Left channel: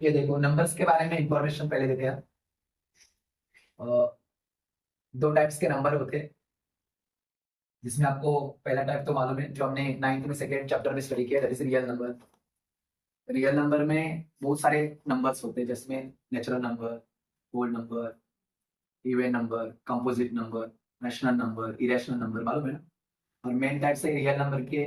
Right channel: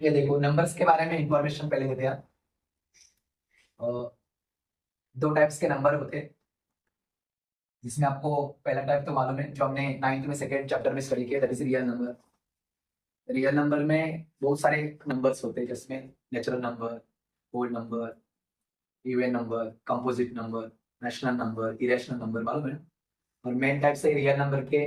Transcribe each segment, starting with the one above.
ये देखो नंबर्स के बारे में इंफॉर्मेशन पहले देते हैं। अ, दो टाइप्स के नंबर होते हैं, जिसमें आपको पहला टाइप तो मालूम है, जो हमने 9th में सेकेंड चैप्टर में स्टडी किया, that is real number. Real number में बहुत सारे नंबर्स होते हैं, जिसमें natural number, whole number, even number, composite number, rational number, irrational number, मालूम है ना। और मेन टाइप से रियल नंबर के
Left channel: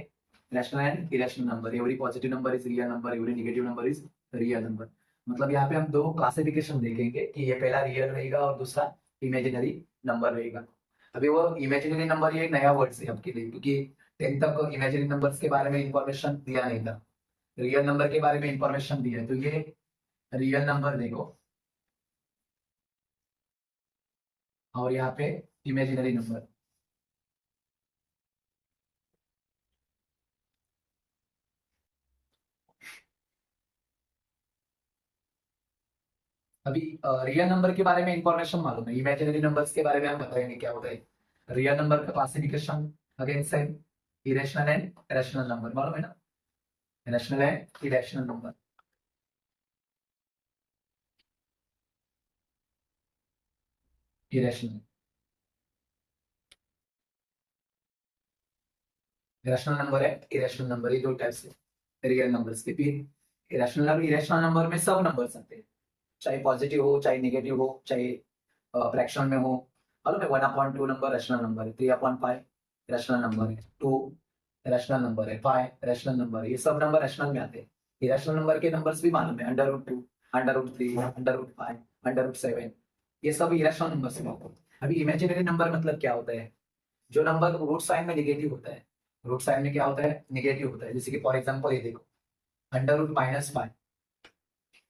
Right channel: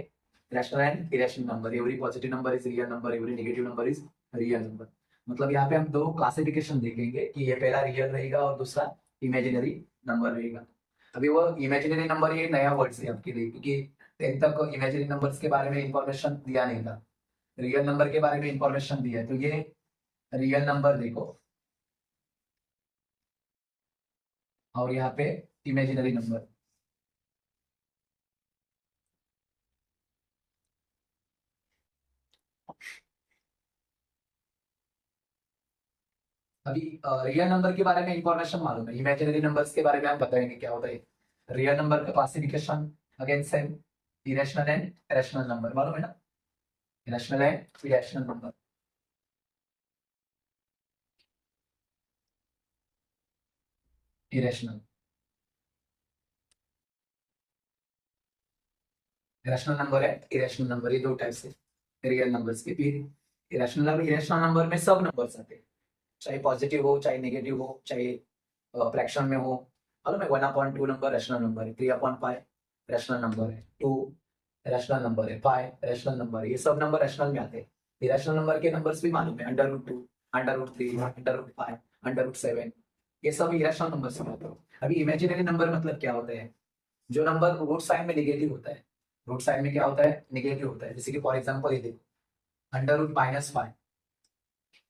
rational and irrational number. Every positive number is real number, every negative number is real number. मतलब यहाँ पे हम दो क्लासिफिकेशन देखेंगे कि ये पहला रियल रहेगा और दूसरा इमेजिनरी नंबर रहेगा। अभी वो इमेजिनरी नंबर ये नया वर्ड है आपके लिए, क्योंकि 10th तक इमेजिनरी नंबर्स के बारे में इंफॉर्मेशन दिया नहीं था। रियल नंबर के बारे में इंफॉर्मेशन दिया है, तो ये रियल नंबर देखो, और यहाँ पे इमेजिनरी नंबर। अभी रियल नंबर के बारे में इंफॉर्मेशन मालूम है, इमेजिनरी नंबर्स के बारे में हम बताएंगे क्या होता है। रियल नंबर का classification again same, irrational and rational number, मालूम है ना। Rational and irrational number. Irrational rational number है, इरेशनल नंबर, ये दो टाइप से रियल नंबर्स के। फिर इरेशनल और इरेशनल नंबर में सब नंबर्स आते हैं, चाहे पॉजिटिव हो, चाहे नेगेटिव हो, चाहे फ्रैक्शन में हो। मालूम है 1/2 नंबर रैशनल नंबर है, 3/5 रैशनल नंबर है, 2 रैशनल नंबर है, 5 रैशनल नंबर है। ये सब नंबर रैशनल में आते हैं। इरेशनल नंबर के नंबर्स भी मालूम है, √2, √3, √5, √7, ये सब इरेशनल नंबर से आते हैं। अभी इमेजिनरी नंबर मतलब क्या होता है, जो नंबर रूट साइन में निगेटिव होता है। रूट साइन में क्या होता है, निगेटिव होता है। जैसे कि फॉर एग्जाम्पल ये देखो, √-5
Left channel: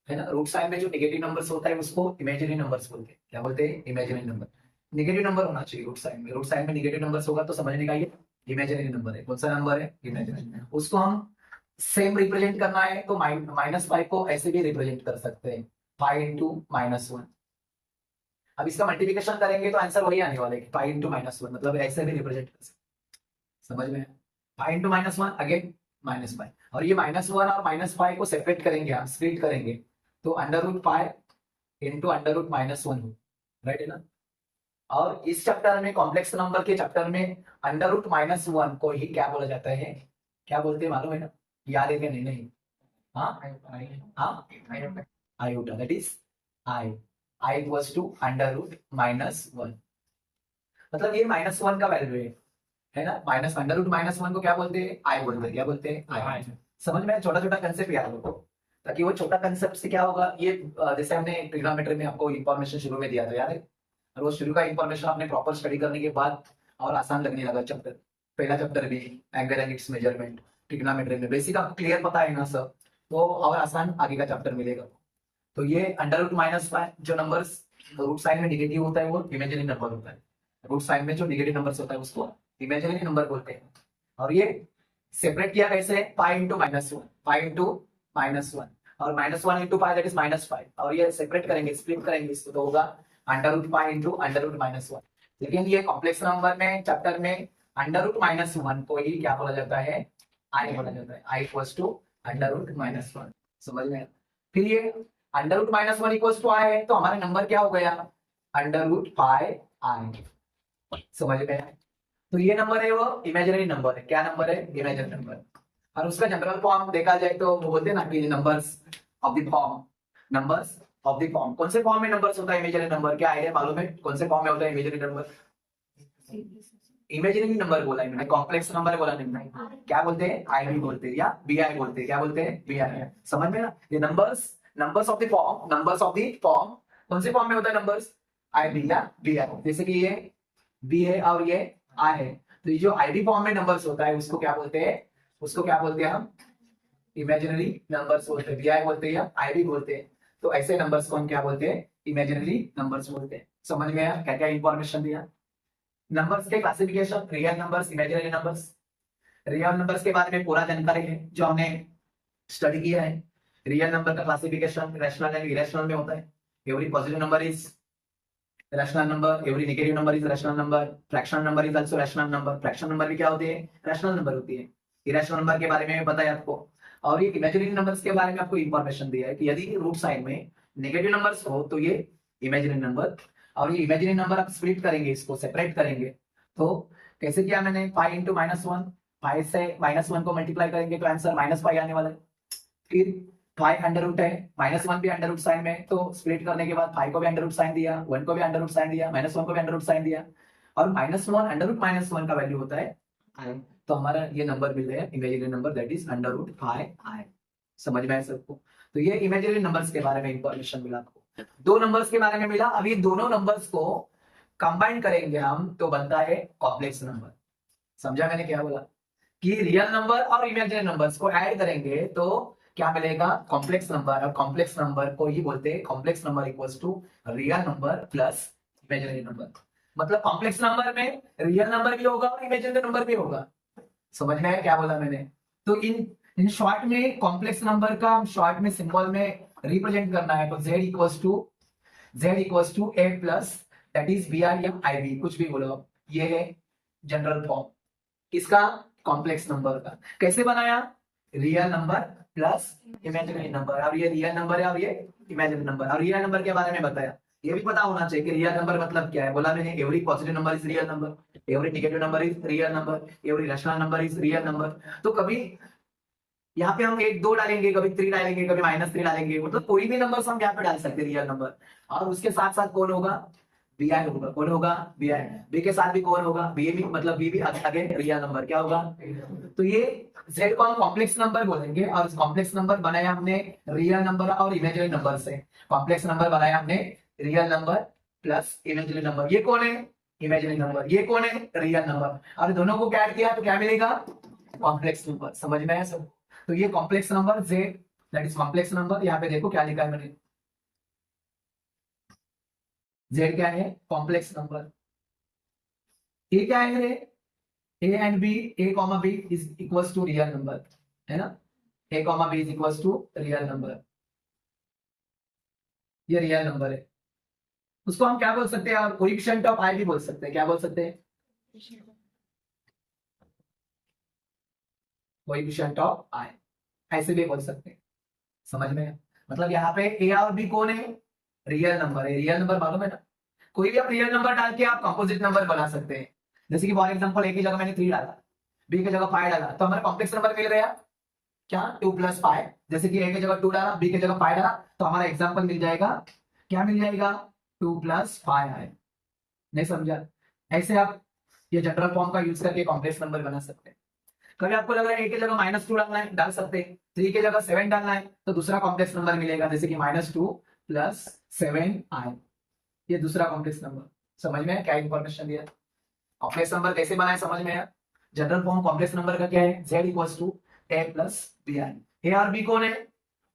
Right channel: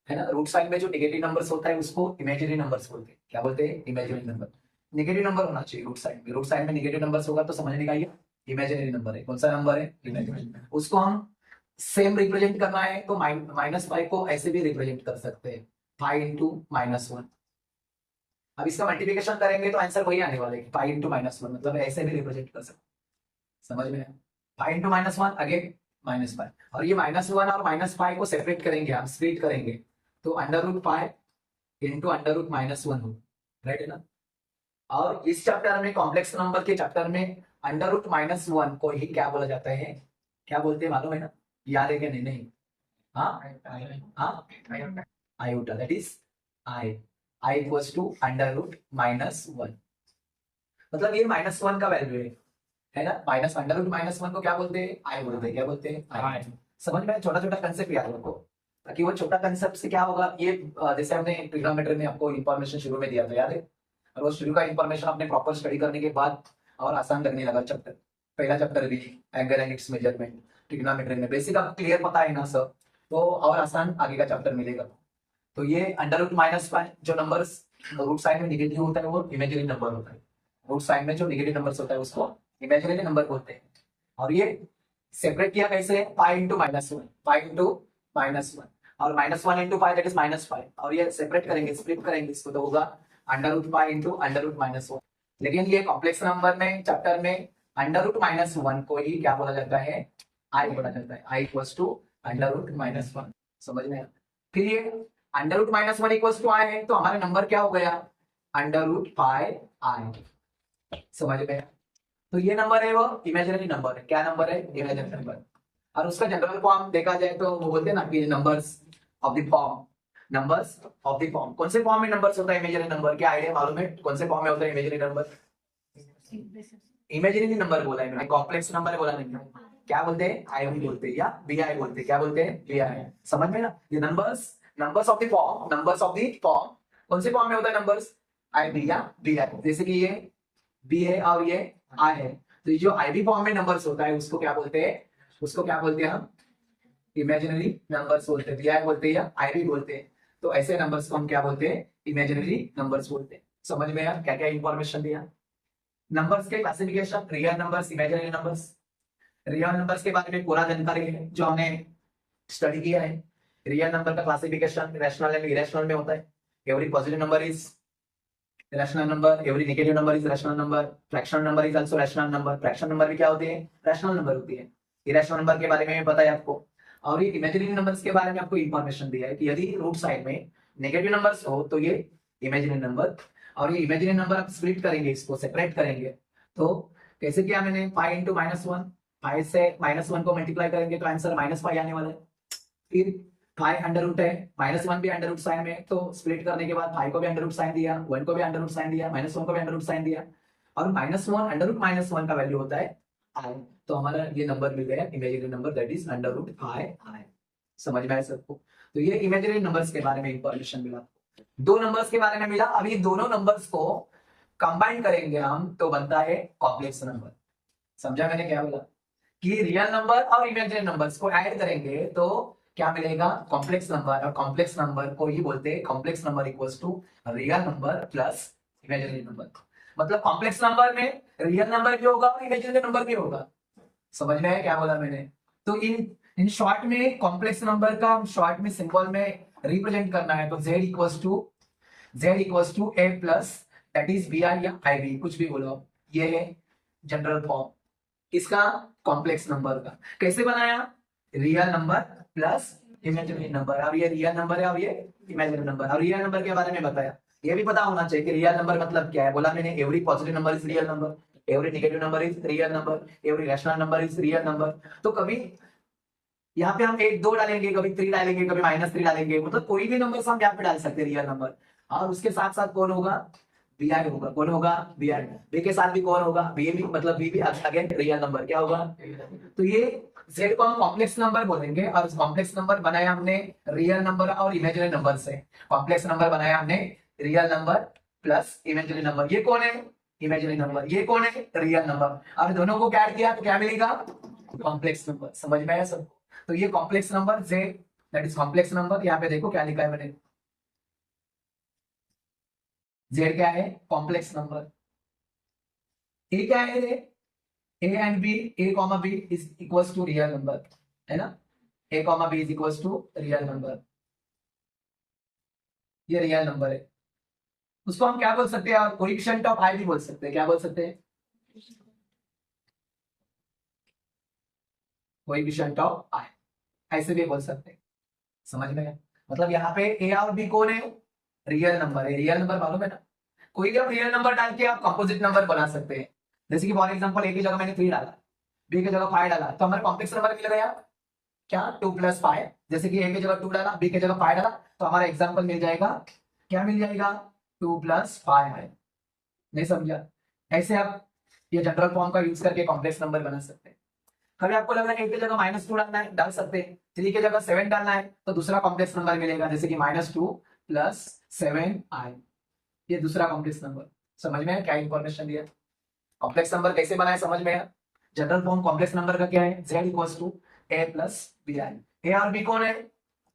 है ना। रूट साइन में जो नेगेटिव नंबर्स होता है उसको इमेजिनरी नंबर्स बोलते हैं। क्या बोलते हैं, इमेजिनरी नंबर। नेगेटिव नंबर होना चाहिए रूट साइन में। रूट साइन में नेगेटिव नंबर्स होगा तो समझने का ये इमेजिनरी नंबर है। कौन सा नंबर है, इमेजिनरी। उसको हम सेम रिप्रेजेंट करना है तो -5 को ऐसे भी रिप्रेजेंट कर सकते हैं, 5 × -1। अब इसका मल्टीप्लिकेशन करेंगे तो आंसर वही आने वाला है, 5 × -1, मतलब ऐसे भी रिप्रेजेंट कर सकते हैं। समझ में, 5 × -1 अगेन -5। और ये -1 और -5 को सेपरेट करेंगे, हम स्प्लिट करेंगे, तो √5 इंटू √-1 हो, राइट है ना। और इस चैप्टर में, कॉम्प्लेक्स नंबर के चैप्टर में, √-1 को ही क्या बोला जाता है, क्या बोलते हैं मालूम है ना। याद है क्या, नहीं नहीं, हाँ हाँ, iota, that is i. I equals to √-1, मतलब ये -1 का वैल्यू है ना। माइनस √-1 को क्या बोलते हैं, आई बोलते हैं। क्या बोलते हैं, आई। समझ में, छोटा छोटा कंसेप्ट याद रखो, ताकि वो छोटा कंसेप्ट से क्या होगा, ये जैसे हमने ट्रिग्नोमेट्री में आपको इन्फॉर्मेशन शुरू में दिया था, याद है। और वो शुरू का इन्फॉर्मेशन आपने प्रॉपर स्टडी करने के बाद और आसान लगने लगा चैप्टर। पहला चैप्टर भी angle and it's measurement, trigonometry में बेसिक आप क्लियर पता है ना सब, तो और आसान आगे का चैप्टर मिलेगा। तो ये √-5 जो नंबर्स रूट साइन में निगेटिव होता है वो इमेजिनरी नंबर होता है। रूट साइन में जो निगेटिव नंबर्स होता है उसको इमेजिनरी नंबर बोलते हैं। और ये सेपरेट किया कैसे, 5 × -1, 5 × -1, और -1 × 5 दैट इज -5, और ये सेपरेट करेंगे, स्प्लिट करेंगे इसको, तो होगा √5 × √-1। लेकिन ये कॉम्प्लेक्स नंबर में चैप्टर में √-1 को ही क्या बोला जाता है, आई बोला जाता है। आई इक्वल्स टू √-1, समझ में। फिर ये √-1 इक्वल्स टू आई है, तो हमारा नंबर क्या हो गया, √πi। समझ में। तो ये नंबर है वो इमेजिनरी नंबर है। क्या नंबर है, इमेजिनरी नंबर। और उसका जनरल फॉर्म देखा जाए तो वो बोलते हैं ना कि numbers of the form, numbers of the form. कौन से फॉर्म में नंबर्स होता है इमेजिनरी नंबर, क्या आइडिया मालूम है, कौन से फॉर्म में होता है इमेजिनरी नंबर। इमेजिनरी नंबर बोला है मैंने, कॉम्प्लेक्स नंबर बोला नहीं। क्या बोलते हैं, आई भी बोलते हैं या बी आई बोलते हैं। क्या बोलते हैं, बी आई। समझ में ना, ये numbers, numbers of the form, numbers of the form, कौन से फॉर्म में होता है नंबर्स, आई बी या बी आई। जैसे कि ये बी है और ये आई है, तो ये जो आई बी फॉर्म में नंबर्स होता है उसको क्या बोलते हैं, उसको क्या बोलते हैं हम, इमेजिनरी नंबर्स बोलते हैं। बी आई बोलते हैं या आई बी बोलते हैं। तो ऐसे नंबर्स को हम क्या बोलते हैं, इमेजिनरी नंबर्स बोलते हैं। समझ में आया क्या क्या इंफॉर्मेशन दिया। नंबर्स के classification, real numbers, imaginary numbers. Real numbers के बारे में पूरा जानकारी है जो हमने स्टडी किया है। रियल नंबर का क्लासिफिकेशन रैशनल एंड इरेशनल में होता है। Every positive number is rational number, every negative number is rational number, fractional number is also rational number. Fractional number भी क्या होती है, रैशनल नंबर होती है। इरेशनल नंबर के बारे में भी पता है आपको। और ये इमेजिनरी नंबर्स के बारे में आपको इंफॉर्मेशन दिया है कि यदि रूट साइड में नेगेटिव नंबर्स हो तो ये इमेजिनरी नंबर, और ये इमेजिनरी नंबर आप स्प्लिट करेंगे, इसको सेपरेट करेंगे। तो कैसे किया मैंने, 5 इंटू -1, 5 से -1 को मल्टीप्लाई करेंगे तो आंसर -5 आने वाला है। फिर 5 अंडर रूट है, -1 भी अंडर रूट साइन में, तो स्प्लिट करने के बाद 5 को भी अंडर रूट साइन दिया, 1 को भी अंडर रूट साइन दिया, -1 को भी अंडर रूट साइन दिया, और -1 अंडर रूट -1 का वैल्यू होता है आई। तो हमारा ये नंबर मिल गया imaginary number, that is under root i. समझ में आया सबको? तो ये इमेजिनरी नंबर्स के बारे में इंफॉर्मेशन मिला आपको। दो नंबर्स के बारे में मिला। अब ये दोनों नंबर्स को कंबाइन करेंगे हम तो बनता है कॉम्प्लेक्स नंबर। समझा मैंने क्या बोला? कि रियल नंबर और इमेजिनरी नंबर्स को ऐड करेंगे तो क्या मिलेगा, कॉम्प्लेक्स नंबर। और कॉम्प्लेक्स नंबर को ही बोलते हैं complex number equals to real number plus imaginary number. मतलब कॉम्प्लेक्स नंबर में रियल नंबर भी होगा और इमेजिनरी नंबर भी होगा। समझ में आया क्या बोला मैंने? तो इन शॉर्ट में कॉम्प्लेक्स नंबर का शॉर्ट में सिंबल में रिप्रेजेंट करना है तो z equals to a plus that is br या ib, कुछ भी बोलो। ये है जनरल फॉर्म इसका कॉम्प्लेक्स नंबर का। कैसे बनाया, real number plus imaginary number. अब ये रियल नंबर है और ये इमेजिनरी नंबर। और रियल नंबर के बारे में बताया, ये भी पता होना चाहिए कि रियल नंबर मतलब क्या है। बोला मैंने every positive number is real number, every negative number is real number, every rational number is real number. तो कभी यहाँ पे हम 1 2 डालेंगे, कभी 3 डालेंगे, कभी -3 डालेंगे, मतलब कोई भी नंबर हम यहाँ पे डाल सकते हैं रियल नंबर। और उसके साथ साथ कौन होगा, बी आई होगा। कौन होगा, बी आई। बी के साथ भी कौन होगा, बी भी, मतलब बी भी अगेन रियल नंबर क्या होगा। तो ये z को हम कॉम्प्लेक्स नंबर बोलेंगे। और कॉम्प्लेक्स नंबर बनाया हमने रियल नंबर और इमेजिनरी नंबर से। कॉम्प्लेक्स नंबर बनाया हमने real number plus imaginary number. ये कौन है, इमेजिनरी नंबर। ये कौन है, रियल नंबर। और दोनों को ऐड किया तो क्या मिलेगा, कॉम्प्लेक्स नंबर। समझ में आया सब? तो ये complex number z, that is complex number. यहाँ पे देखो क्या लिखा है मैंने, z क्या है, कॉम्प्लेक्स नंबर। a क्या है रे, a and b, a comma b is equals to real number, है ना। a comma b is equals to real number, ये रियल नंबर है। उसको हम क्या बोल सकते हैं, और कोएफिशिएंट ऑफ i भी बोल सकते हैं। क्या बोल सकते हैं, कोएफिशिएंट ऑफ i, ऐसे भी बोल सकते हैं। समझ में है? मतलब यहाँ पे a और b कौन है, रियल नंबर है। रियल नंबर मालूम है ना, कोई भी आप रियल नंबर डाल के आप कंपोजिट नंबर बना सकते हैं। जैसे कि फॉर एग्जांपल a की जगह मैंने 3 डाला, b की जगह 5 डाला, तो हमारा कॉम्प्लेक्स नंबर मिल गया क्या, 2 + 5। जैसे कि a की जगह 2 डाला, b की जगह 5 डाला, तो हमारा एग्जांपल मिल जाएगा, क्या मिल जाएगा, 2 + 5 है। नहीं समझा? ऐसे आप ये जनरल फॉर्म का यूज करके कॉम्प्लेक्स नंबर बना सकते हैं। कभी आपको लग रहा है a की जगह -2 डालना है, डाल सकते हैं। 3 की जगह 7 डालना है तो दूसरा कॉम्प्लेक्स नंबर मिलेगा, जैसे कि -2 + 7i, ये दूसरा कॉम्प्लेक्स नंबर। समझ में क्या इंफॉर्मेशन दिया, कॉम्प्लेक्स नंबर कैसे बनाए समझ में आया। जनरल फॉर्म कॉम्प्लेक्स नंबर का क्या है, z equals to a plus b i. A और बी कौन है,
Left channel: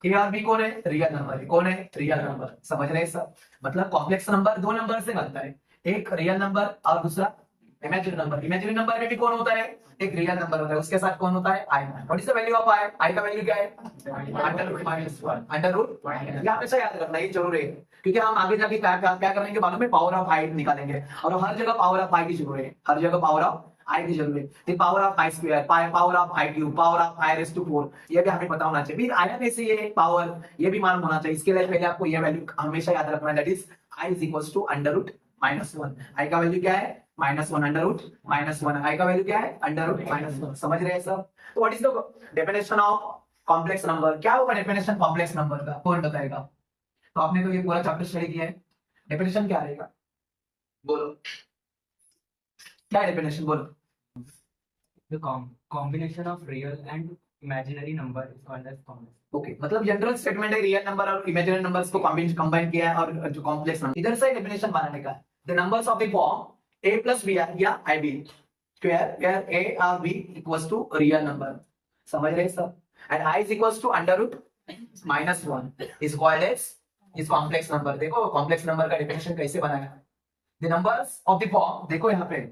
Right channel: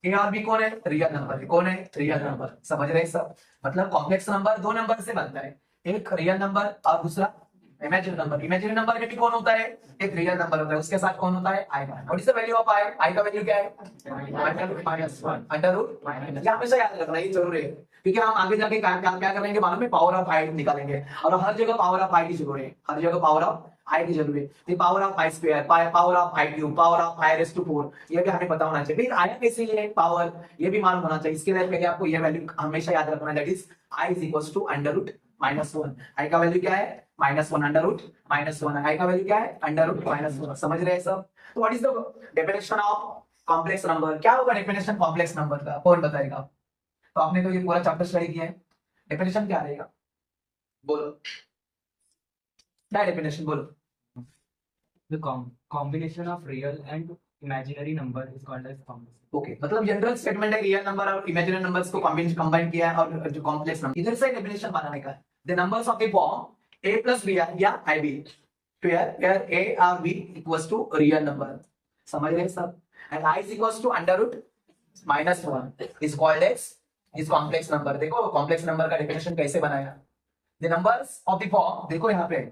ए और बी कौन है, रियल नंबर है। कौन है, रियल नंबर। समझ रहे सब? मतलब कॉम्प्लेक्स नंबर दो नंबर से बनता है, एक रियल नंबर और दूसरा इमेजिनरी नंबर। इमेजिनरी नंबर में भी कौन होता है, एक रियल नंबर होता है, उसके साथ कौन होता है, i. What is the value of i, i का वैल्यू क्या है, √1। अंडर रूट, ये हमेशा याद रखना, ये जरूरी है, क्योंकि हम आगे जाके क्या करेंगे मालूम है, पावर ऑफ आई निकालेंगे। और हर जगह पावर ऑफ आई की जरूरत है, हर जगह पावर ऑफ आई की जरूरत है। Power of i square, power of i cube, power of i raise to 4, ये भी हमें पता होना चाहिए। फिर आया कैसे ये पावर, ये भी मालूम होना चाहिए। इसके लिए पहले आपको ये वैल्यू हमेशा याद रखना है, that is i is equals to under root -1। I का वैल्यू क्या है, -1 अंडर रूट -1। आई का वैल्यू क्या है, अंडर रूट -1। समझ रहे हैं सब? तो what is the definition of complex number, क्या होगा डेफिनेशन कॉम्प्लेक्स नंबर का, कौन बताएगा? तो आपने तो ये पूरा चैप्टर स्टडी किया है, डेफिनेशन क्या रहेगा, बोलो क्या डेफिनेशन, बोलो। The combination of real and imaginary number is called as complex. Okay, मतलब जनरल स्टेटमेंट है, रियल नंबर और इमेजिनरी नंबर्स को कंबाइन किया है, और जो कॉम्प्लेक्स नंबर इधर से डेफिनेशन बनाने का, the numbers of the form a plus b या ib स्क्वायर वेयर a और b equals to real number. समझ रहे सब? And i is equals to under root -1 is called as is complex number. देखो complex number का definition कैसे बनाया, the numbers of the form, देखो यहाँ पे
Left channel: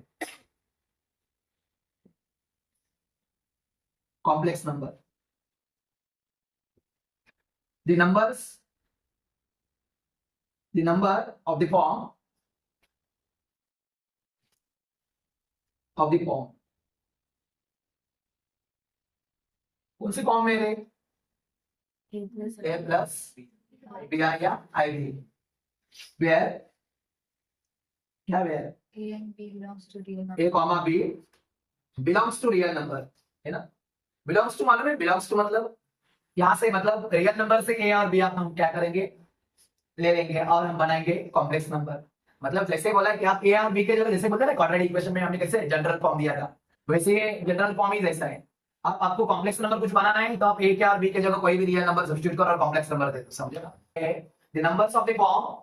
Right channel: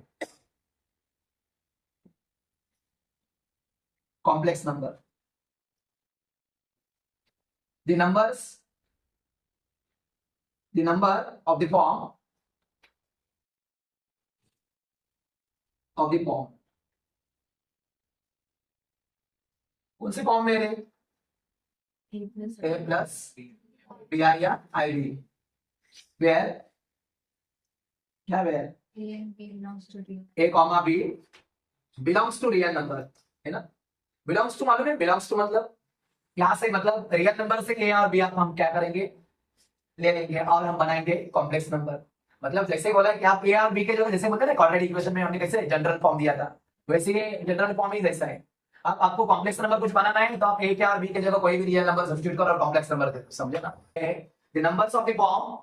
complex number, the numbers, the number of the form of the form, कौन से form में रहे, ए प्लस बी आई या आई बी, वेयर क्या where A and B belongs to real number. A comma b belongs to real number, है ना। Belongs to मालूम है, बिलोंग्स टू मतलब यहाँ से मतलब रियल नंबर से ए और बी हम क्या करेंगे, ले लेंगे और हम बनाएंगे कॉम्प्लेक्स नंबर। मतलब जैसे बोला कि आप ए और बी के जगह जैसे बोलते हैं ना क्वाड्रेटिक इक्वेशन में हमने कैसे जनरल फॉर्म दिया था, वैसे ये जनरल फॉर्म ही जैसा है। अब आपको कॉम्प्लेक्स नंबर कुछ बनाना है तो आप ए के और बी के जगह कोई भी रियल नंबर सब्स्टिट्यूट करो और कॉम्प्लेक्स नंबर दे दो, समझे ना। The numbers of the form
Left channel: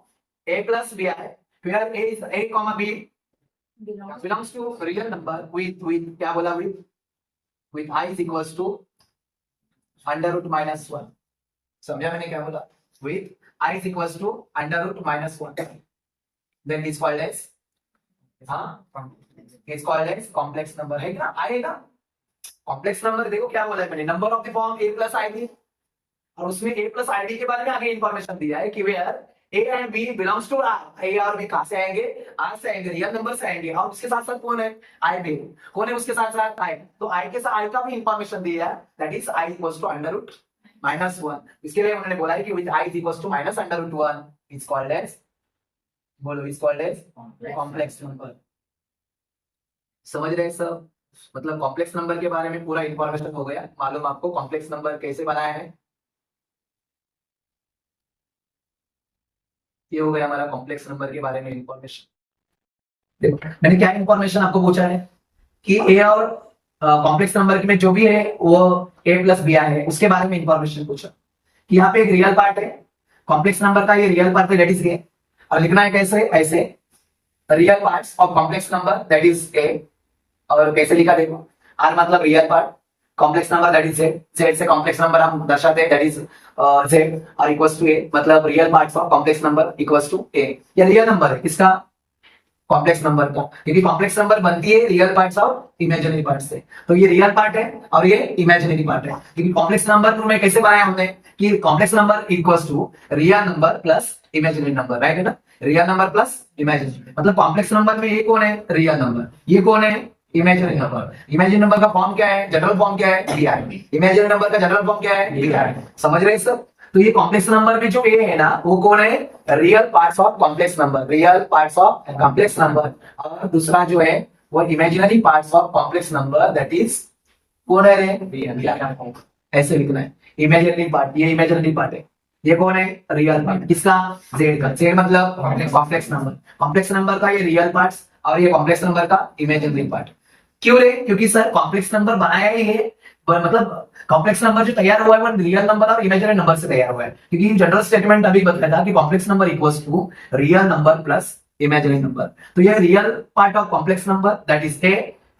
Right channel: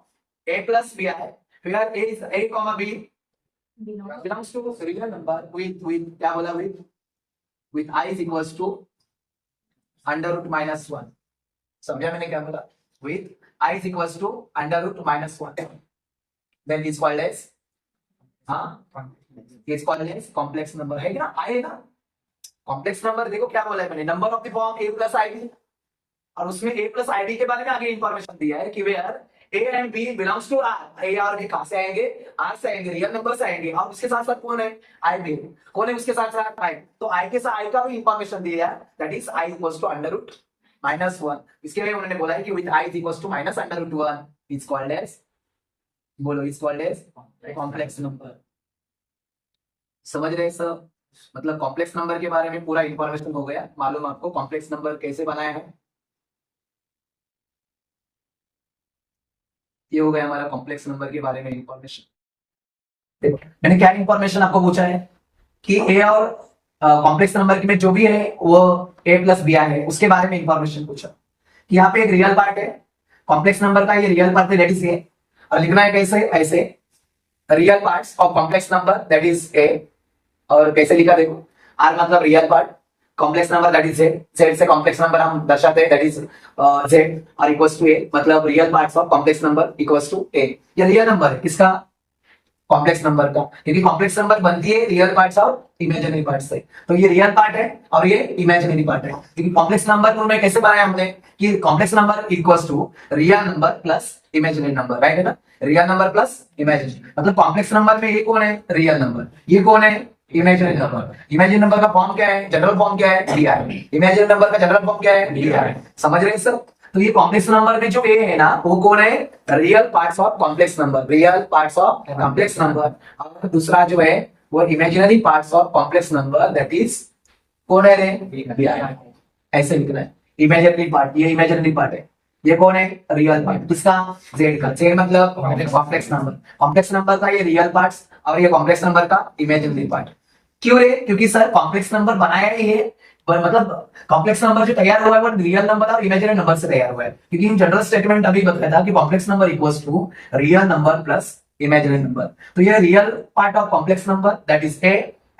a plus b i where a is a comma b Belongs belongs to real number with क्या बोला with I is equals to under root minus 1, समझा मैंने क्या बोला, with I is equals to under root minus 1, then is called as is called as complex number, है ना। I है ना कॉम्प्लेक्स नंबर। देखो क्या बोला है मैंने, number of the form a plus i b, और उसमें a प्लस आई बी के बारे में आगे इंफॉर्मेशन दिया है कि where a and b belongs to R, a और बी कहां से आएंगे, आर से आएंगे, रियल नंबर से आएंगे, और उसके साथ साथ कौन है, आई बी, कौन है उसके साथ साथ आई, तो आई के साथ आई का भी इंफॉर्मेशन दिया है, that is i equals to under root minus 1। इसके लिए उन्होंने बोला है कि with i is equals to minus under root 1 is called as, बोलो is called as complex number. समझ रहे सब, मतलब कॉम्प्लेक्स नंबर के बारे में पूरा इंफॉर्मेशन हो गया मालूम आपको, कॉम्प्लेक्स नंबर कैसे बनाया है। ये हो गया हमारा कॉम्प्लेक्स नंबर के बारे में इंफॉर्मेशन। देखो मैंने क्या इंफॉर्मेशन आपको पूछा है कि ए और कॉम्प्लेक्स नंबर में जो भी है वो ए प्लस बी आई है, उसके बारे में इंफॉर्मेशन पूछा कि यहाँ पे एक रियल पार्ट है कॉम्प्लेक्स नंबर का, ये रियल पार्ट है दैट इज ए, और लिखना है कैसे, ऐसे real parts of complex number that is a, और कैसे लिखा देखो, आर मतलब real part, complex number that is z, z से कॉम्प्लेक्स नंबर हम दर्शाते हैं दैट इज जेड, और इक्वल्स टू ए, मतलब real parts of complex number equals to a. ये रियल नंबर है किसका, कॉम्प्लेक्स नंबर का, क्योंकि कॉम्प्लेक्स नंबर बनती है रियल पार्ट्स और इमेजिनरी पार्ट से, तो ये रियल पार्ट है और ये इमेजिनरी पार्ट है। क्योंकि कॉम्प्लेक्स नंबर में कैसे बनाया हमने कि complex number equals to real number plus imaginary number, right है ना, रियल नंबर प्लस इमेजिनरी, मतलब कॉम्प्लेक्स नंबर में ये कौन है, रियल नंबर, ये कौन है, इमेजिनरी नंबर। इमेजिनरी नंबर का फॉर्म क्या है, जनरल फॉर्म क्या है, डी आई, इमेजिनरी नंबर का जनरल फॉर्म क्या है, डी आई, समझ रहे सर। तो ये कॉम्प्लेक्स नंबर में जो ए है ना वो कौन है, real parts of complex number, real parts of complex number, और दूसरा जो है वो imaginary parts of complex number that is कौन है रे, ऐसे लिखना है इमेजिनरी पार्ट, ये इमेजिनरी पार्ट है, ये कौन है, रियल पार्ट, किसका, जेड का, जेड मतलब कॉम्प्लेक्स नंबर, कॉम्प्लेक्स नंबर का ये रियल पार्ट्स और ये कॉम्प्लेक्स नंबर का इमेजिनरी पार्ट। क्यों रे, क्योंकि सर कॉम्प्लेक्स नंबर बनाया ही है, मतलब कॉम्प्लेक्स नंबर जो तैयार हुआ है वो रियल नंबर और इमेजिनरी नंबर से तैयार हुआ है, क्योंकि इन जनरल स्टेटमेंट अभी बताया था कि complex number equals to real number plus imaginary number, तो ये real part of complex number that is a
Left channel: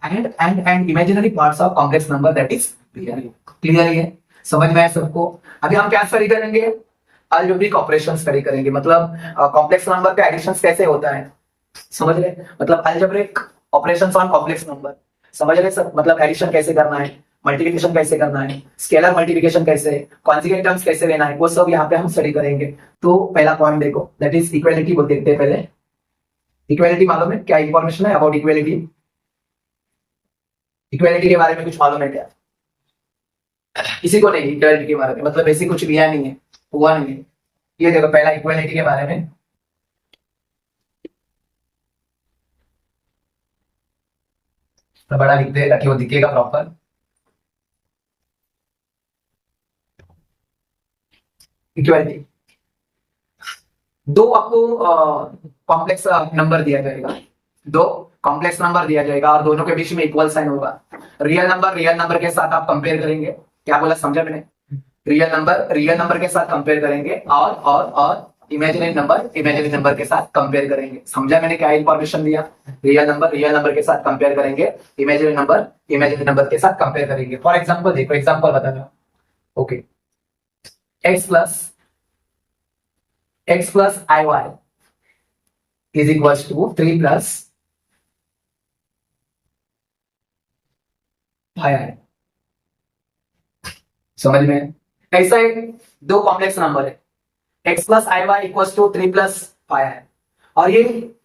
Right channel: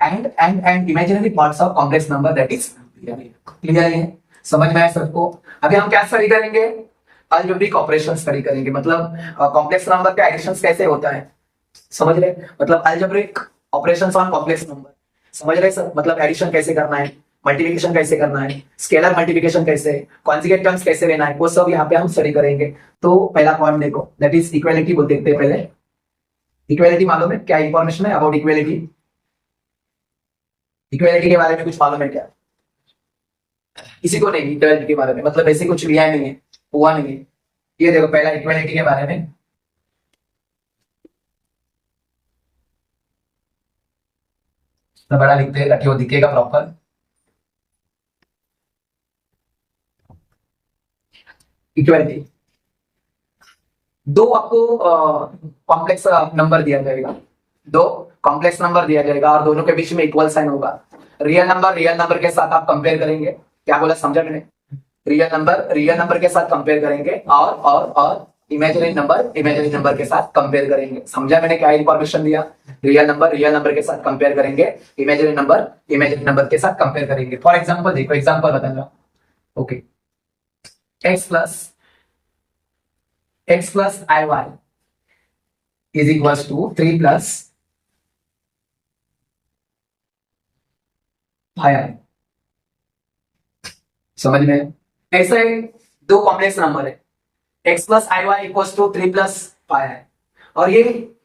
and imaginary parts of complex number that is clear है, समझ में आया सबको। अभी हम क्या स्टडी करेंगे, अलजेब्रिक ऑपरेशन स्टडी करेंगे, मतलब कॉम्प्लेक्स नंबर का एडिशन कैसे होता है, समझ रहे, मतलब algebraic operations on complex number, समझ रहे सब, मतलब एडिशन कैसे करना है, मल्टीप्लिकेशन कैसे करना है, स्केलर मल्टीप्लिकेशन कैसे, कॉन्जुगेट टर्म्स कैसे लेना है, वो सब यहाँ पे हम स्टडी करेंगे। तो पहला पॉइंट देखो दैट इज इक्वालिटी बोलते हैं पहले, इक्वालिटी मालूम है क्या इंफॉर्मेशन है अबाउट इक्वालिटी, इक्वालिटी के बारे में कुछ मालूम है क्या, किसी को नहीं इक्वालिटी के बारे में, मतलब ऐसे कुछ लिया नहीं है, हुआ नहीं है। ये देखो पहला इक्वालिटी के बारे में, तो बड़ा लिखते हैं ताकि वो दिखेगा प्रॉपर। इक्वालिटी, दो आपको कॉम्प्लेक्स नंबर दिया जाएगा, दो कॉम्प्लेक्स नंबर दिया जाएगा और दोनों के बीच में इक्वल साइन होगा, रियल नंबर के साथ आप कंपेयर करेंगे, क्या बोला समझा मैंने, रियल नंबर के साथ कंपेयर करेंगे और इमेजिनरी नंबर के साथ कंपेयर करेंगे, समझा मैंने क्या इंफॉर्मेशन दिया, रियल नंबर के साथ कंपेयर करेंगे, इमेजिनरी नंबर के साथ कंपेयर करेंगे। फॉर एग्जांपल देखो, एग्जांपल बता रहा हूं, okay, x plus iy is equals to 3 plus i, समझ में, ऐसा दो कॉम्प्लेक्स नंबर है, x plus iy equals to 3 plus i, और ये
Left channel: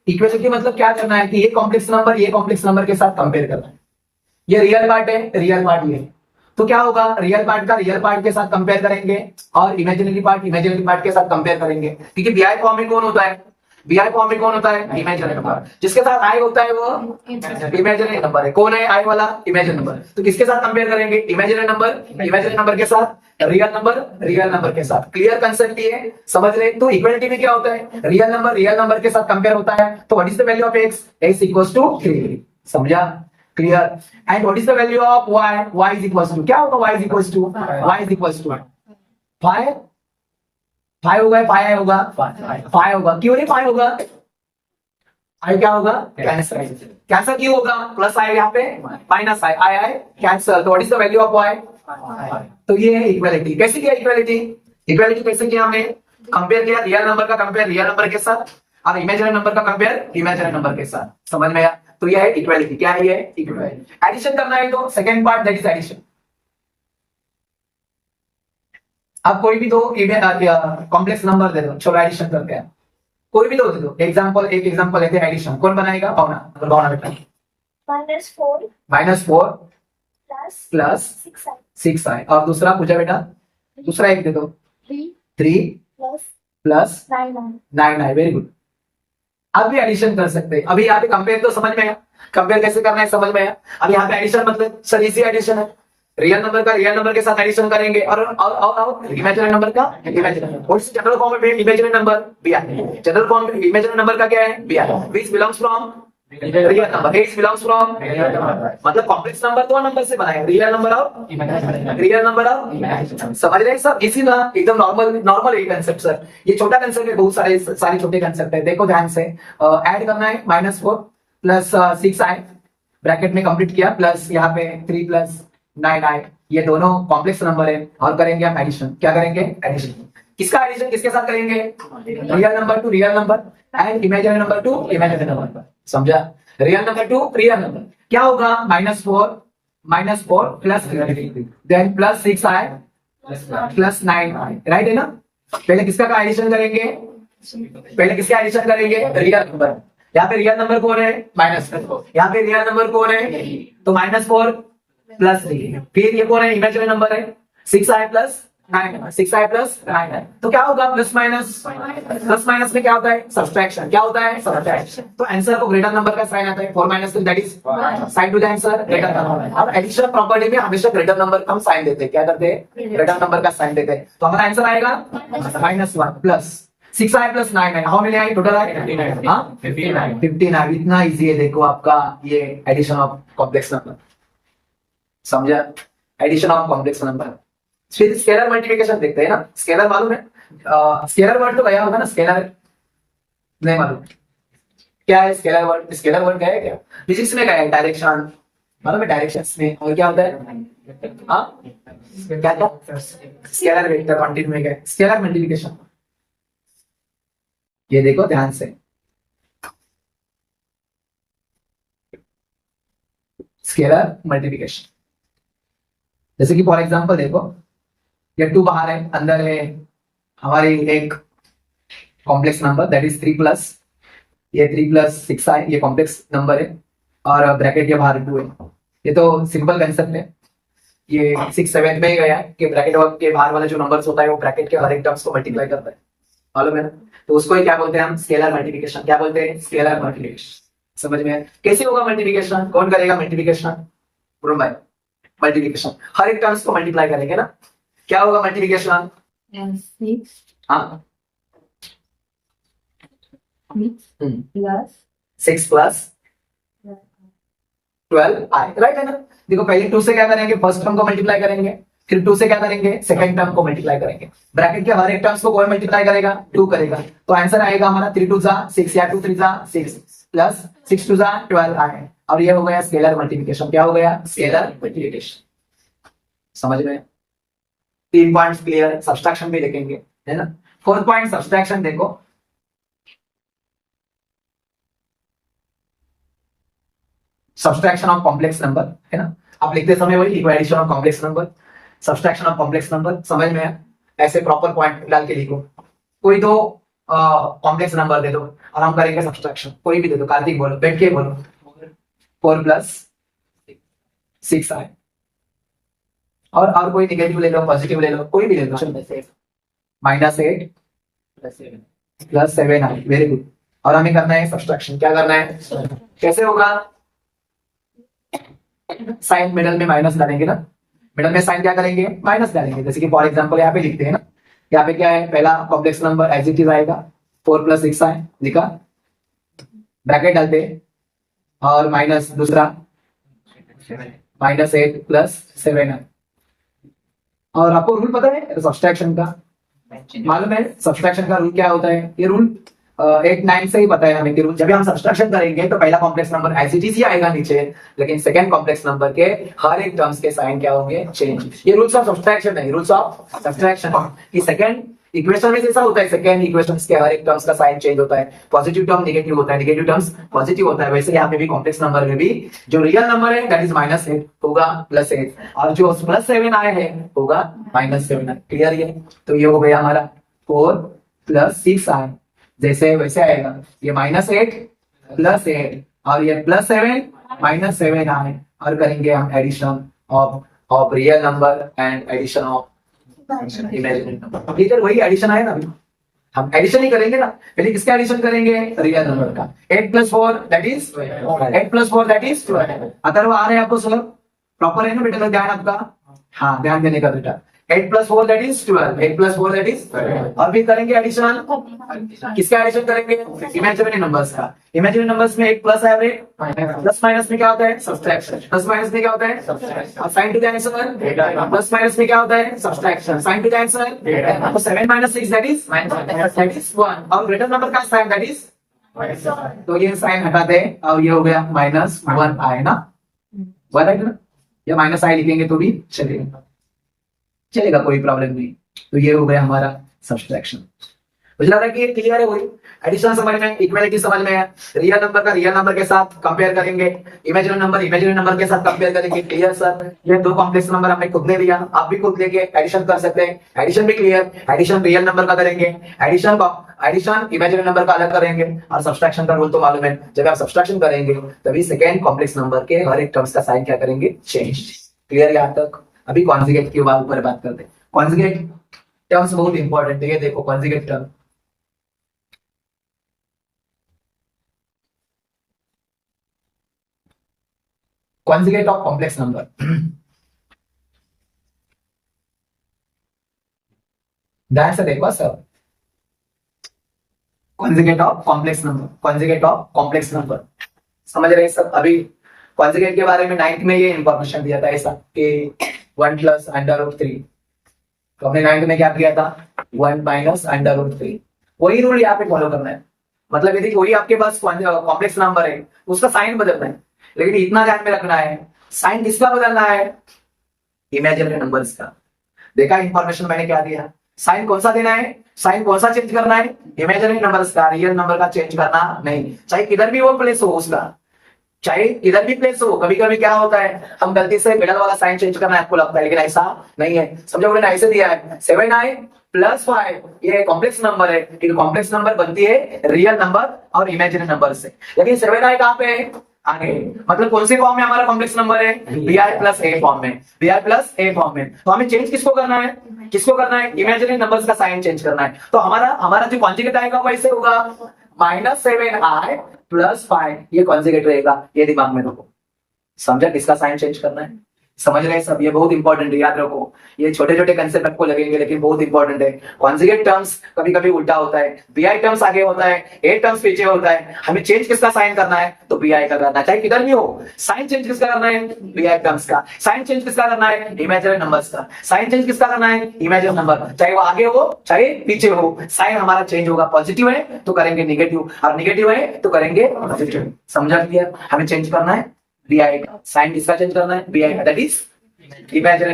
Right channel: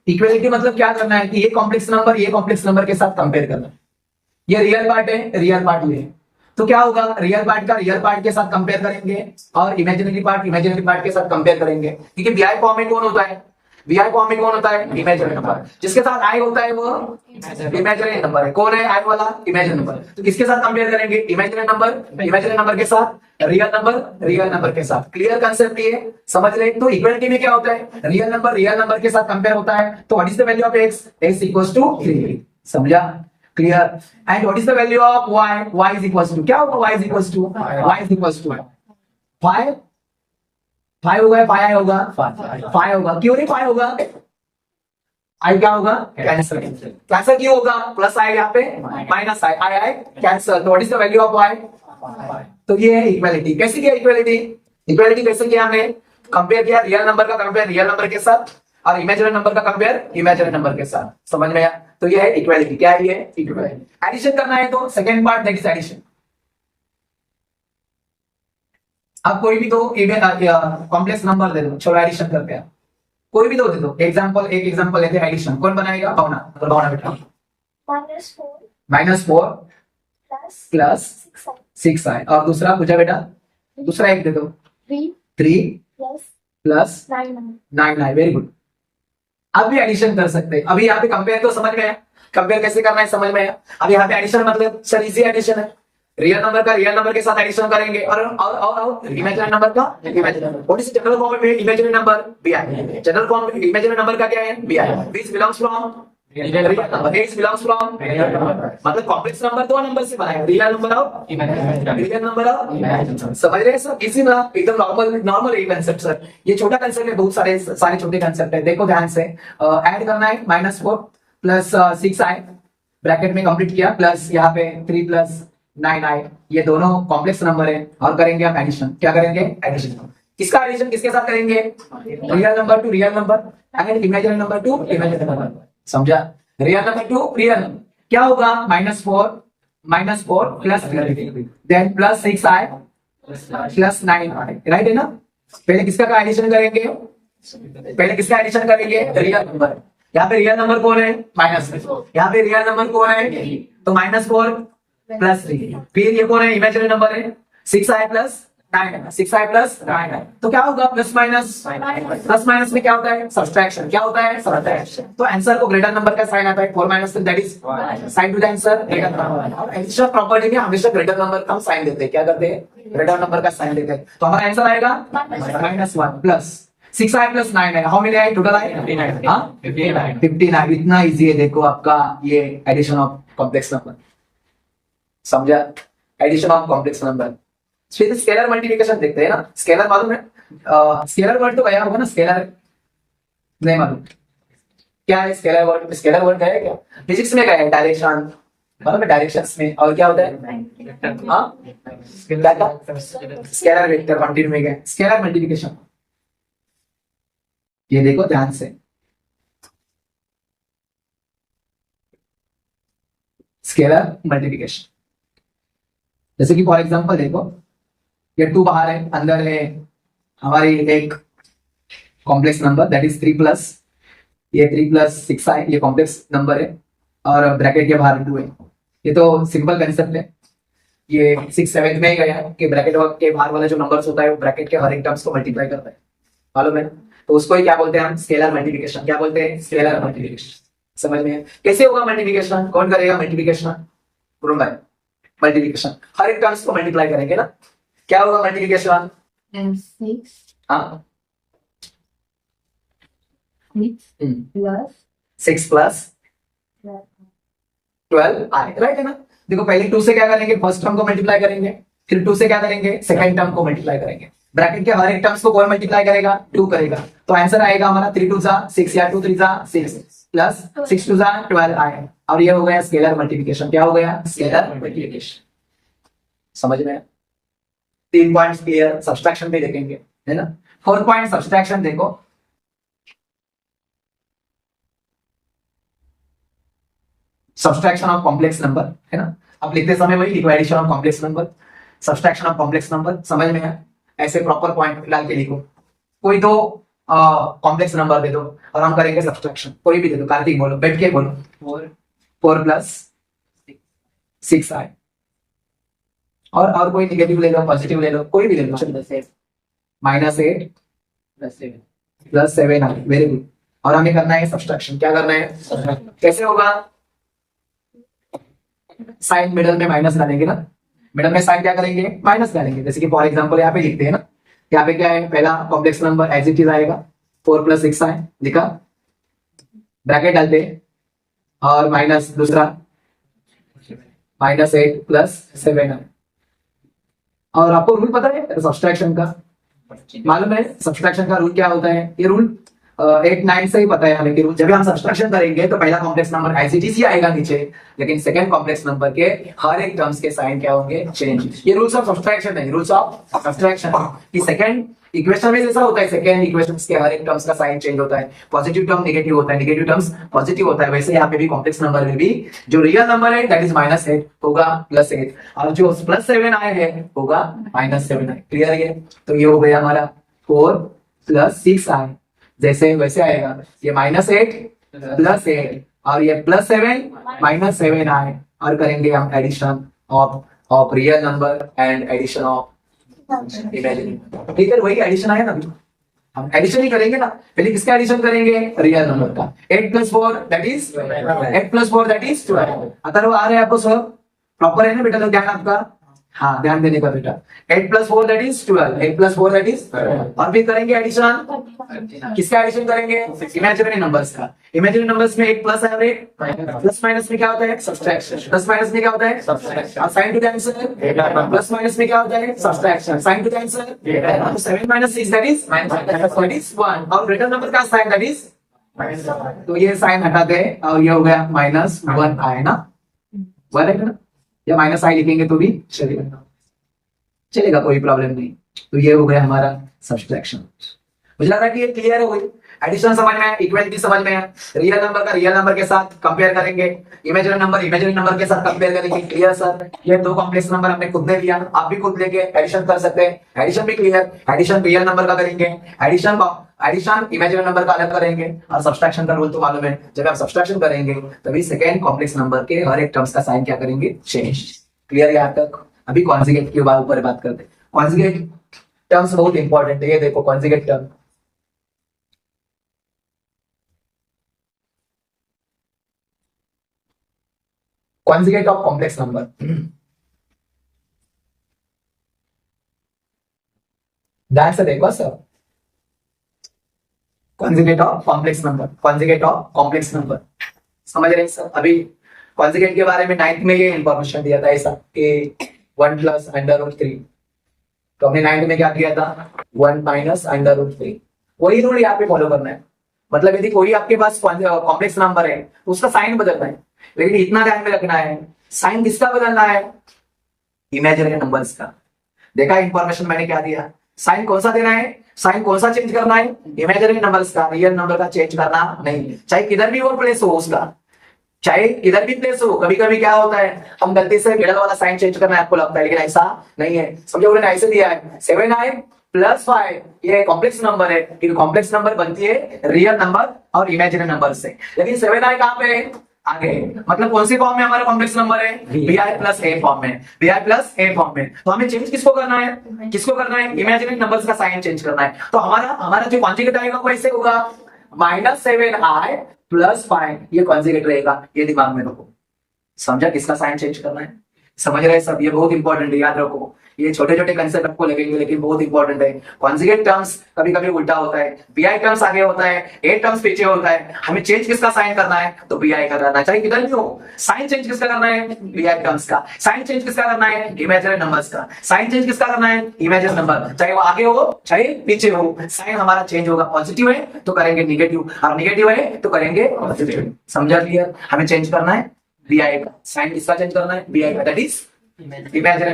इक्वालिटी मतलब क्या करना है कि ये कॉम्प्लेक्स नंबर के साथ कंपेयर करना है, ये रियल पार्ट है, रियल पार्ट ये, तो क्या होगा, रियल पार्ट का रियल पार्ट के साथ कंपेयर करेंगे और इमेजिनरी पार्ट के साथ कंपेयर करेंगे, क्योंकि बीआई फॉर्म में कौन होता है, बीआई फॉर्म में कौन होता है, इमेजिनरी नंबर। जिसके साथ आई होता है वो इमेजिनरी नंबर है। कौन है आई वाला, इमेजिनरी नंबर। तो किसके साथ कंपेयर करेंगे, इमेजिनरी नंबर के साथ रियल नंबर के साथ। क्लियर कंसेप्ट ये समझ रहे। तो इक्वालिटी में क्या होता है, रियल नंबर के साथ कंपेयर होता है। तो what is the value of x, x equals to 3, समझा, clear. And what is the value of y, y is equals to, क्या होगा, y इज इक्वल्स टू 5 होगा, 5 होगा, 5 होगा, क्यों नहीं 5 होगा, आई क्या होगा, कैंसिल। कैंसिल क्यों होगा, प्लस आई यहाँ पे माइनस आई, आई कैंसिल। तो what is the value of y, तो ये है इक्वालिटी। कैसे किया इक्वालिटी कैसे किया हमने, कंपेयर किया रियल नंबर का कंपेयर रियल नंबर के साथ और इमेजिनरी नंबर का कंपेयर इमेजिनरी नंबर के साथ, समझ में आया। तो ये है इक्वालिटी। क्या है ये, इक्वालिटी। एडिशन करना है तो second part that is addition. आप कोई भी दो कॉम्प्लेक्स नंबर दे दो, चलो एडिशन करते हैं। कोई भी दो दे दो, एक एग्जांपल लेते हैं एडिशन। कौन बनाएगा, भावना बेटा। -4 प्लस 6i और दूसरा पूजा बेटा, दूसरा एक दे दो, 3 प्लस 9i। Very good. अब भी एडिशन कर सकते हैं। अभी यहाँ पे कंपेयर तो समझ में आया, कंपेयर कैसे करना है समझ में आया। अब यहाँ पे एडिशन मतलब सर इजी एडिशन है, रियल नंबर का रियल नंबर के साथ एडिशन करेंगे और इमेजिनरी नंबर का imaginary number. What is general form में imaginary number, bi। General form imaginary number का क्या है, bi, which belongs from real number, x belongs from मतलब कॉम्प्लेक्स नंबर दो नंबर से बनाएंगे, रियल नंबर और समझ रहे हैं सब। इसी ना एकदम नॉर्मल ये कंसेप्ट सर, ये छोटा कंसेप्ट है, बहुत सारे छोटे कंसेप्ट है। देखो ध्यान से, ऐड करना है -4 प्लस 6i ब्रैकेट में कंप्लीट किया, प्लस यहाँ पे 3 प्लस 9i, ये दोनों कॉम्प्लेक्स नंबर है और करेंगे हम एडिशन। क्या करेंगे, एडिशन। किसका एडिशन किसके साथ करेंगे, real number to real number and imaginary number to imaginary number, समझा। Real number to real number क्या होगा, -4 plus 3 then plus 6i plus 9i, right है ना। पहले किसका एडिशन करेंगे, रियल नंबर। यहाँ पे रियल नंबर कौन है, -4, यहाँ पे रियल नंबर कौन है, तो -4 प्लस 3, फिर ये कौन है, इमेजिनरी नंबर है 6i प्लस 9, तो क्या होगा, प्लस माइनस में क्या होता है, सब्सट्रैक्शन। क्या होता है, सब्सट्रैक्शन। तो आंसर को ग्रेटर नंबर का साइन आता है, 4 - 3 that is sine to the answer greater number. अब एडिशन प्रॉपर्टी में हमेशा ग्रेटर नंबर का हम साइन देते हैं, क्या करते हैं, ग्रेटर नंबर का साइन देते हैं। तो हमारा आंसर आएगा -1 plus 6i plus 9i, how many I total I, 59। इतना इजी है देखो आपका ये एडिशन ऑफ कॉम्प्लेक्स नंबर, समझा, एडिशन ऑफ कॉम्प्लेक्स नंबर। फिर स्केलर मल्टीप्लिकेशन देखते हैं ना। स्केलर मालूम है, स्केलर वर्ड तो गया होगा ना, स्केलर नहीं मालूम क्या है स्केलर वर्ड, गया है क्या, फिजिक्स में गया है, डायरेक्शन मालूम है, डायरेक्शंस में। और क्या होता है, स्केलर वेक्टर कंटिन्यू में गया, स्केलर मल्टीप्लिकेशन। ये देखो ध्यान से, स्केलर मल्टीप्लिकेशन। जैसे कि फॉर एग्जांपल देखो, ये 2 बाहर है, अंदर है हमारी एक complex number that is 3 plus 6i, ये कॉम्प्लेक्स नंबर है और ब्रैकेट के बाहर 2 है। ये तो सिंपल कंसेप्ट है, ये 6 7 में ही गया कि ब्रैकेट के बाहर वाला जो नंबर्स होता है वो ब्रैकेट के हर एक टर्म्स को मल्टीप्लाई करता है, मालूम है ना। तो उसको ही क्या बोलते हैं हम, स्केलर मल्टीप्लिकेशन। क्या बोलते हैं, स्केलर मल्टीप्लिकेशन। समझ में कैसे होगा मल्टीप्लिकेशन, कौन करेगा मल्टीप्लिकेशन, भाई मल्टीप्लिकेशन हर एक टर्म्स को मल्टीप्लाई करेंगे ना। क्या होगा मल्टीप्लिकेशन, 6 प्लस 12i, राइट है ना। देखो पहले 2 से क्या करेंगे, फर्स्ट टर्म को मल्टीप्लाई करेंगे, फिर 2 से क्या करेंगे, सेकंड टर्म को मल्टीप्लाई करेंगे। ब्रैकेट के हर एक टर्म्स को कौन मल्टीप्लाई करेगा, 2 करेगा। तो आंसर आएगा हमारा 3 2 6 या 2 3 6 प्लस 6 2 12i, और ये हो गया स्केलर मल्टीप्लिकेशन। क्या हो गया, स्केलर मल्टीप्लिकेशन। समझ में 3 पॉइंट्स क्लियर। सब्सट्रैक्शन भी देखेंगे, है ना। 4th पॉइंट सब्सट्रैक्शन देखो, सब्सट्रैक्शन ऑफ कॉम्प्लेक्स नंबर, है ना। आप लिखते समय वही लिखो, addition of complex number, subtraction of complex number. समझ में है, ऐसे प्रॉपर पॉइंट डाल के लिखो। कोई दो कॉम्प्लेक्स नंबर दे दो और हम करेंगे सब्सट्रैक्शन। कोई भी दे दो, कार्तिक बोलो, बैठ के बोलो, 4 प्लस 6i और कोई निगेटिव ले लो, पॉजिटिव ले लो, कोई भी ले लो, -8 +7 आई, वेरी गुड। और हमें करना है सब्सट्रैक्शन, क्या करना है, कैसे होगा, साइन मिडल में माइनस डालेंगे ना, मिडल में साइन क्या करेंगे, माइनस डालेंगे। जैसे कि फॉर एग्जांपल यहाँ पे लिखते हैं ना, यहाँ पे क्या है, पहला complex number as it is आएगा, 4 + 6 आए, लिखा, ब्रैकेट डालते हैं, और माइनस दूसरा -8 + 7 आए। और आपको रूल पता है सब्सट्रैक्शन का, मालूम है सब्सट्रैक्शन का रूल क्या होता है, ये रूल 8 9 से ही पता है हमें कि रूल, जब भी हम सब्सट्रैक्शन करेंगे तो पहला complex number as it is ही आएगा नीचे, लेकिन सेकंड कॉम्प्लेक्स नंबर के हर एक टर्म्स के साइन क्या होंगे, चेंज। ये रूल्स ऑफ सब्सट्रैक्शन है, रूल्स ऑफ सब्सट्रैक्शन कि सेकंड इक्वेशन में जैसा होता है, सेकंड इक्वेशंस के हर एक टर्म्स का साइन चेंज होता है, पॉजिटिव टर्म नेगेटिव होता है, नेगेटिव टर्म्स पॉजिटिव होता है, वैसे यहाँ पे भी कॉम्प्लेक्स नंबर में भी जो रियल नंबर है दैट इज -8 होगा +8, और जो +7 आए हैं होगा -7 आए। क्लियर है, तो ये हो गया हमारा 4 + 6 आए, जैसे वैसे आएगा, ये -8 +8 और ये +7 -7 आए, और करेंगे हम addition of real number and addition of imaginary number. ठीक है, वही एडिशन आया ना, अभी हम एडिशन ही करेंगे ना, पहले किसका एडिशन करेंगे, रियल नंबर का। 8 + 4 दैट इज 12। अथर्व आ रहे हैं आपको सर, प्रॉपर है ना बेटा, तो ध्यान आपका, हाँ ध्यान देने का बेटा। 8 + 4 दैट इज 12, 8 + 4 दैट इज, और भी करेंगे एडिशन, किसका एडिशन करेंगे, इमेजिनरी नंबर्स का। इमेजिनरी नंबर्स में एक प्लस है, प्लस माइनस में क्या होता है, सब्सट्रैक्शन, प्लस माइनस में क्या होता है, सब्सट्रैक्शन, और sign to the answer, plus minus में क्या होता है, subtraction, sign to the answer, तो 7 - 6 दैट इज 1, और ग्रेटर नंबर का साइन दैट इज, तो ये साइन हटा दे, और ये हो गया -1 आए ना, 1 है ना, या -i लिखेंगे तो भी चलेगा, कोई प्रॉब्लम नहीं। तो ये हो गया हमारा सब्सट्रैक्शन। मुझे लग रहा है कि ये क्लियर है, वही एडिशन समझ में, इक्वालिटी समझ में है, रियल नंबर का रियल नंबर के साथ कंपेयर करेंगे, इमेजिनरी नंबर के साथ कंपेयर करेंगे। क्लियर सर, ये दो कॉम्प्लेक्स नंबर हमने खुद ने लिया, आप भी खुद लेके एडिशन कर सकते हैं, एडिशन भी क्लियर। एडिशन रियल नंबर का करेंगे, एडिशन इमेजिनरी नंबर का अलग करेंगे, और सब्सट्रैक्शन का रूल तो मालूम है, जब आप सब्सट्रैक्शन करेंगे तभी सेकेंड कॉम्प्लेक्स नंबर के हर एक टर्म्स का साइन क्या करेंगे, चेंज। क्लियर यहाँ तक। अभी कॉन्जुगेट के ऊपर बात करते हैं। कॉन्जुगेट टर्म्स बहुत इंपॉर्टेंट है, ये देखो conjugate term, conjugate of complex number ध्यान से देखो sir, conjugate of complex number समझ रहे हैं सब। अभी conjugate के बारे में 9th में ये इंफॉर्मेशन दिया था ऐसा कि 1 + √3, तो हमने 9th में क्या किया था, 1 - √3, वही रूल यहाँ पे फॉलो करना है। मतलब यदि कोई आपके पास कॉम्प्लेक्स नंबर है तो उसका साइन बदलना है, लेकिन इतना ध्यान में रखना है, साइन किसका बदलना है, इमेजिनरी नंबर्स का। देखा इंफॉर्मेशन मैंने क्या दिया, साइन कौन सा देना है, साइन कौन सा चेंज करना है, इमेजिनरी नंबर्स का, रियल नंबर का चेंज करना नहीं, चाहे किधर भी वो प्लेस हो उसका, चाहे इधर भी प्लेस हो। कभी कभी क्या होता है, हम गलती से मिडल वाला साइन चेंज करना है आपको लगता है, लेकिन ऐसा नहीं है। समझो मैंने ऐसे दिया है 7i + 5, ये कॉम्प्लेक्स नंबर है, क्योंकि कॉम्प्लेक्स नंबर बनती है रियल नंबर और इमेजिनरी नंबर से, लेकिन 7i कहां पे है, आगे, मतलब कौन से फॉर्म में हमारा कॉम्प्लेक्स नंबर है, bi + a फॉर्म में, bi + a फॉर्म में। तो हमें चेंज किसको करना है, इमेजिनरी नंबर्स का साइन चेंज करना है। तो हमारा जो कॉन्जुगेट आएगा वो ऐसे होगा, -7i + 5, ये कॉन्जुगेट रहेगा, ये दिमाग में रखो। समझा किसका साइन चेंज करना है, समझ रहे हैं सब, ये बहुत इंपॉर्टेंट है, याद रखो। ये छोटे छोटे कंसेप्ट आपको लगेंगे लेकिन बहुत इंपॉर्टेंट है। कॉन्जुगेट टर्म्स कभी कभी उल्टा होता है, bi टर्म्स आगे होता है, a टर्म्स पीछे होता है, हमें चेंज किसका साइन करना है, तो bi का करना है, चाहे किधर भी हो। साइन चेंज किसका करना है, bi टर्म्स का। साइन चेंज किसका करना है, इमेजिनरी नंबर्स का। साइन चेंज किसका करना है, इमेजिनरी नंबर, चाहे वो आगे हो चाहे पीछे हो, साइन हमारा चेंज होगा। पॉजिटिव है तो करेंगे निगेटिव, और निगेटिव है तो करेंगे पॉजिटिव। समझा क्लियर, हमें चेंज करना है bi का, साइन किसका चेंज करना है, bi का, दैट इज इमेजिनरी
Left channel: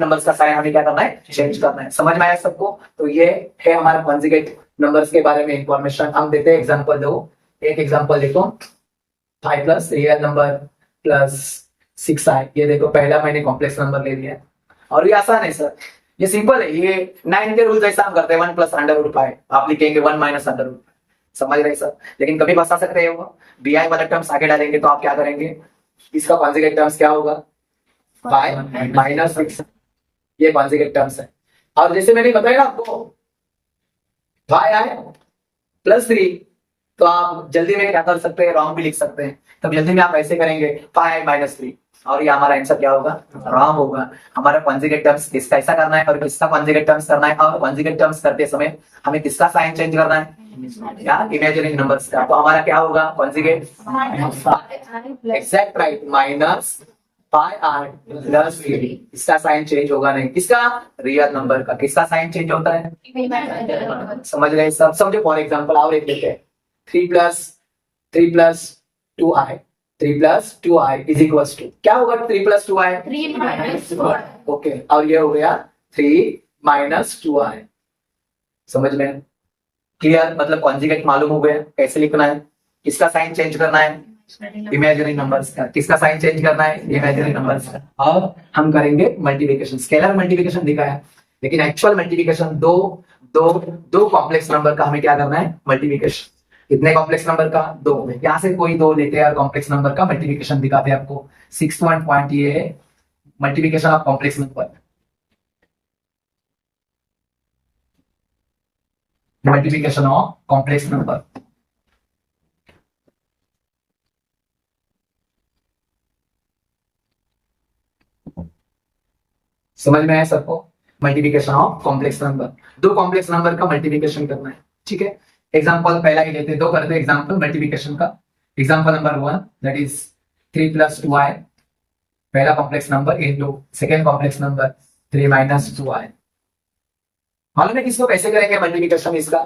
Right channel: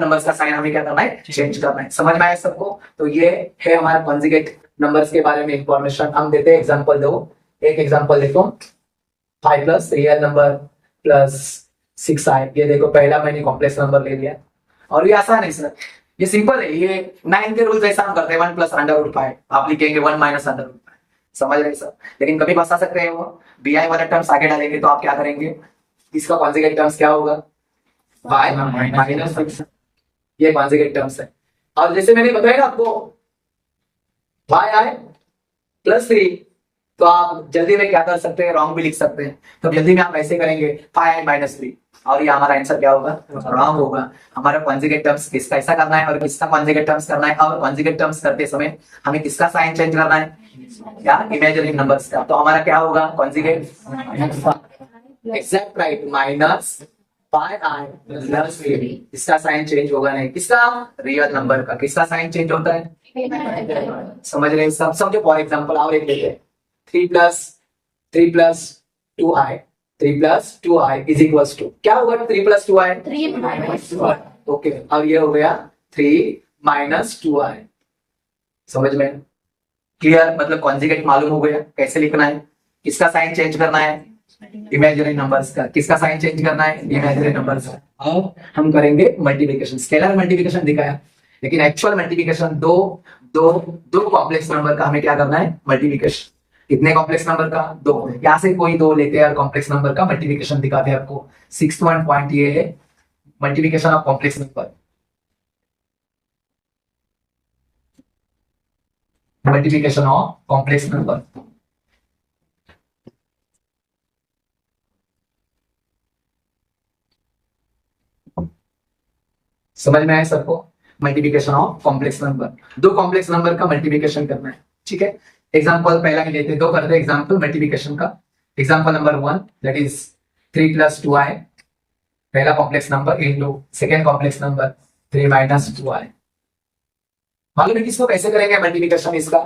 नंबर्स का साइन हमें क्या करना है, चेंज करना है। समझ में आया सबको। तो ये है हमारा कॉन्जुगेट नंबर्स के बारे में इंफॉर्मेशन। हम देते हैं एग्जांपल, दो एक एग्जांपल देखो, 5 + रियल नंबर + 6i। ये देखो पहला मैंने कॉम्प्लेक्स नंबर ले लिया, और ये आसान है सर, ये सिंपल है, ये 9 के रूल जैसा हम करते हैं। 1 + √5 आप लिखेंगे 1 - √5, समझ रहे सर। लेकिन कभी फंसा सकते हैं वो, bi वाला टर्म्स आगे डालेंगे तो आप क्या करेंगे, इसका कॉन्जुगेट टर्म्स क्या होगा, 5 - 6, ये कॉन्जुगेट टर्म्स है। और जैसे मैंने बताया ना आपको y i प्लस 3, तो आप जल्दी में क्या कर सकते हैं, रॉन्ग भी लिख सकते हैं। तो जल्दी में आप ऐसे करेंगे 5i माइनस 3, और ये हमारा आंसर क्या होगा, रॉन्ग होगा। हमारा कॉन्जुगेट टर्म्स किसका ऐसा करना है और किसका कॉन्जुगेट टर्म्स करना है, और कॉन्जुगेट टर्म्स करते समय हमें किसका साइन चेंज करना है, क्या इमेजिनरी नंबर्स का। तो हमारा क्या होगा conjugate, exact right, minus 5i plus 3, इसका साइन चेंज होगा नहीं, किसका, रियल नंबर का। किसका साइन चेंज होता है, समझ रहे सब, समझो। फॉर एग्जांपल और एक लेते हैं, 3 plus 2i, 3 plus 2i is equals to, क्या होगा 3 प्लस 2i, 3 minus 1. ओके। और ये हो गया 3 माइनस 2i, समझ में क्लियर। मतलब कॉन्जुगेट मालूम हो गया कैसे लिखना है, किसका साइन चेंज करना है, इमेजिनरी नंबर्स का। किसका साइन चेंज करना है, इमेजिनरी नंबर्स का। और हम करेंगे मल्टीप्लिकेशन, स्केलर मल्टीप्लिकेशन दिखाया, लेकिन एक्चुअल मल्टीप्लिकेशन दो कॉम्प्लेक्स नंबर का हमें क्या करना है, मल्टीप्लिकेशन। कितने कॉम्प्लेक्स नंबर का, 2। यहाँ से कोई 2 लेते हैं और कॉम्प्लेक्स नंबर का मल्टीप्लिकेशन दिखाते हैं आपको। 6th पॉइंट ये है, multiplication of complex number. Multiplication of complex number, समझ में आया सबको। Multiplication of complex number, 2 complex number का मल्टीप्लिकेशन करना है, ठीक है। एग्जांपल पहला ही लेते हैं, 2 करते हैं एग्जांपल मल्टीप्लिकेशन का। Example number 1 that is 3 plus 2i, पहला complex number, into second complex number 3 minus 2i। मालूम है किसको कैसे करेंगे मल्टीप्लिकेशन, इसका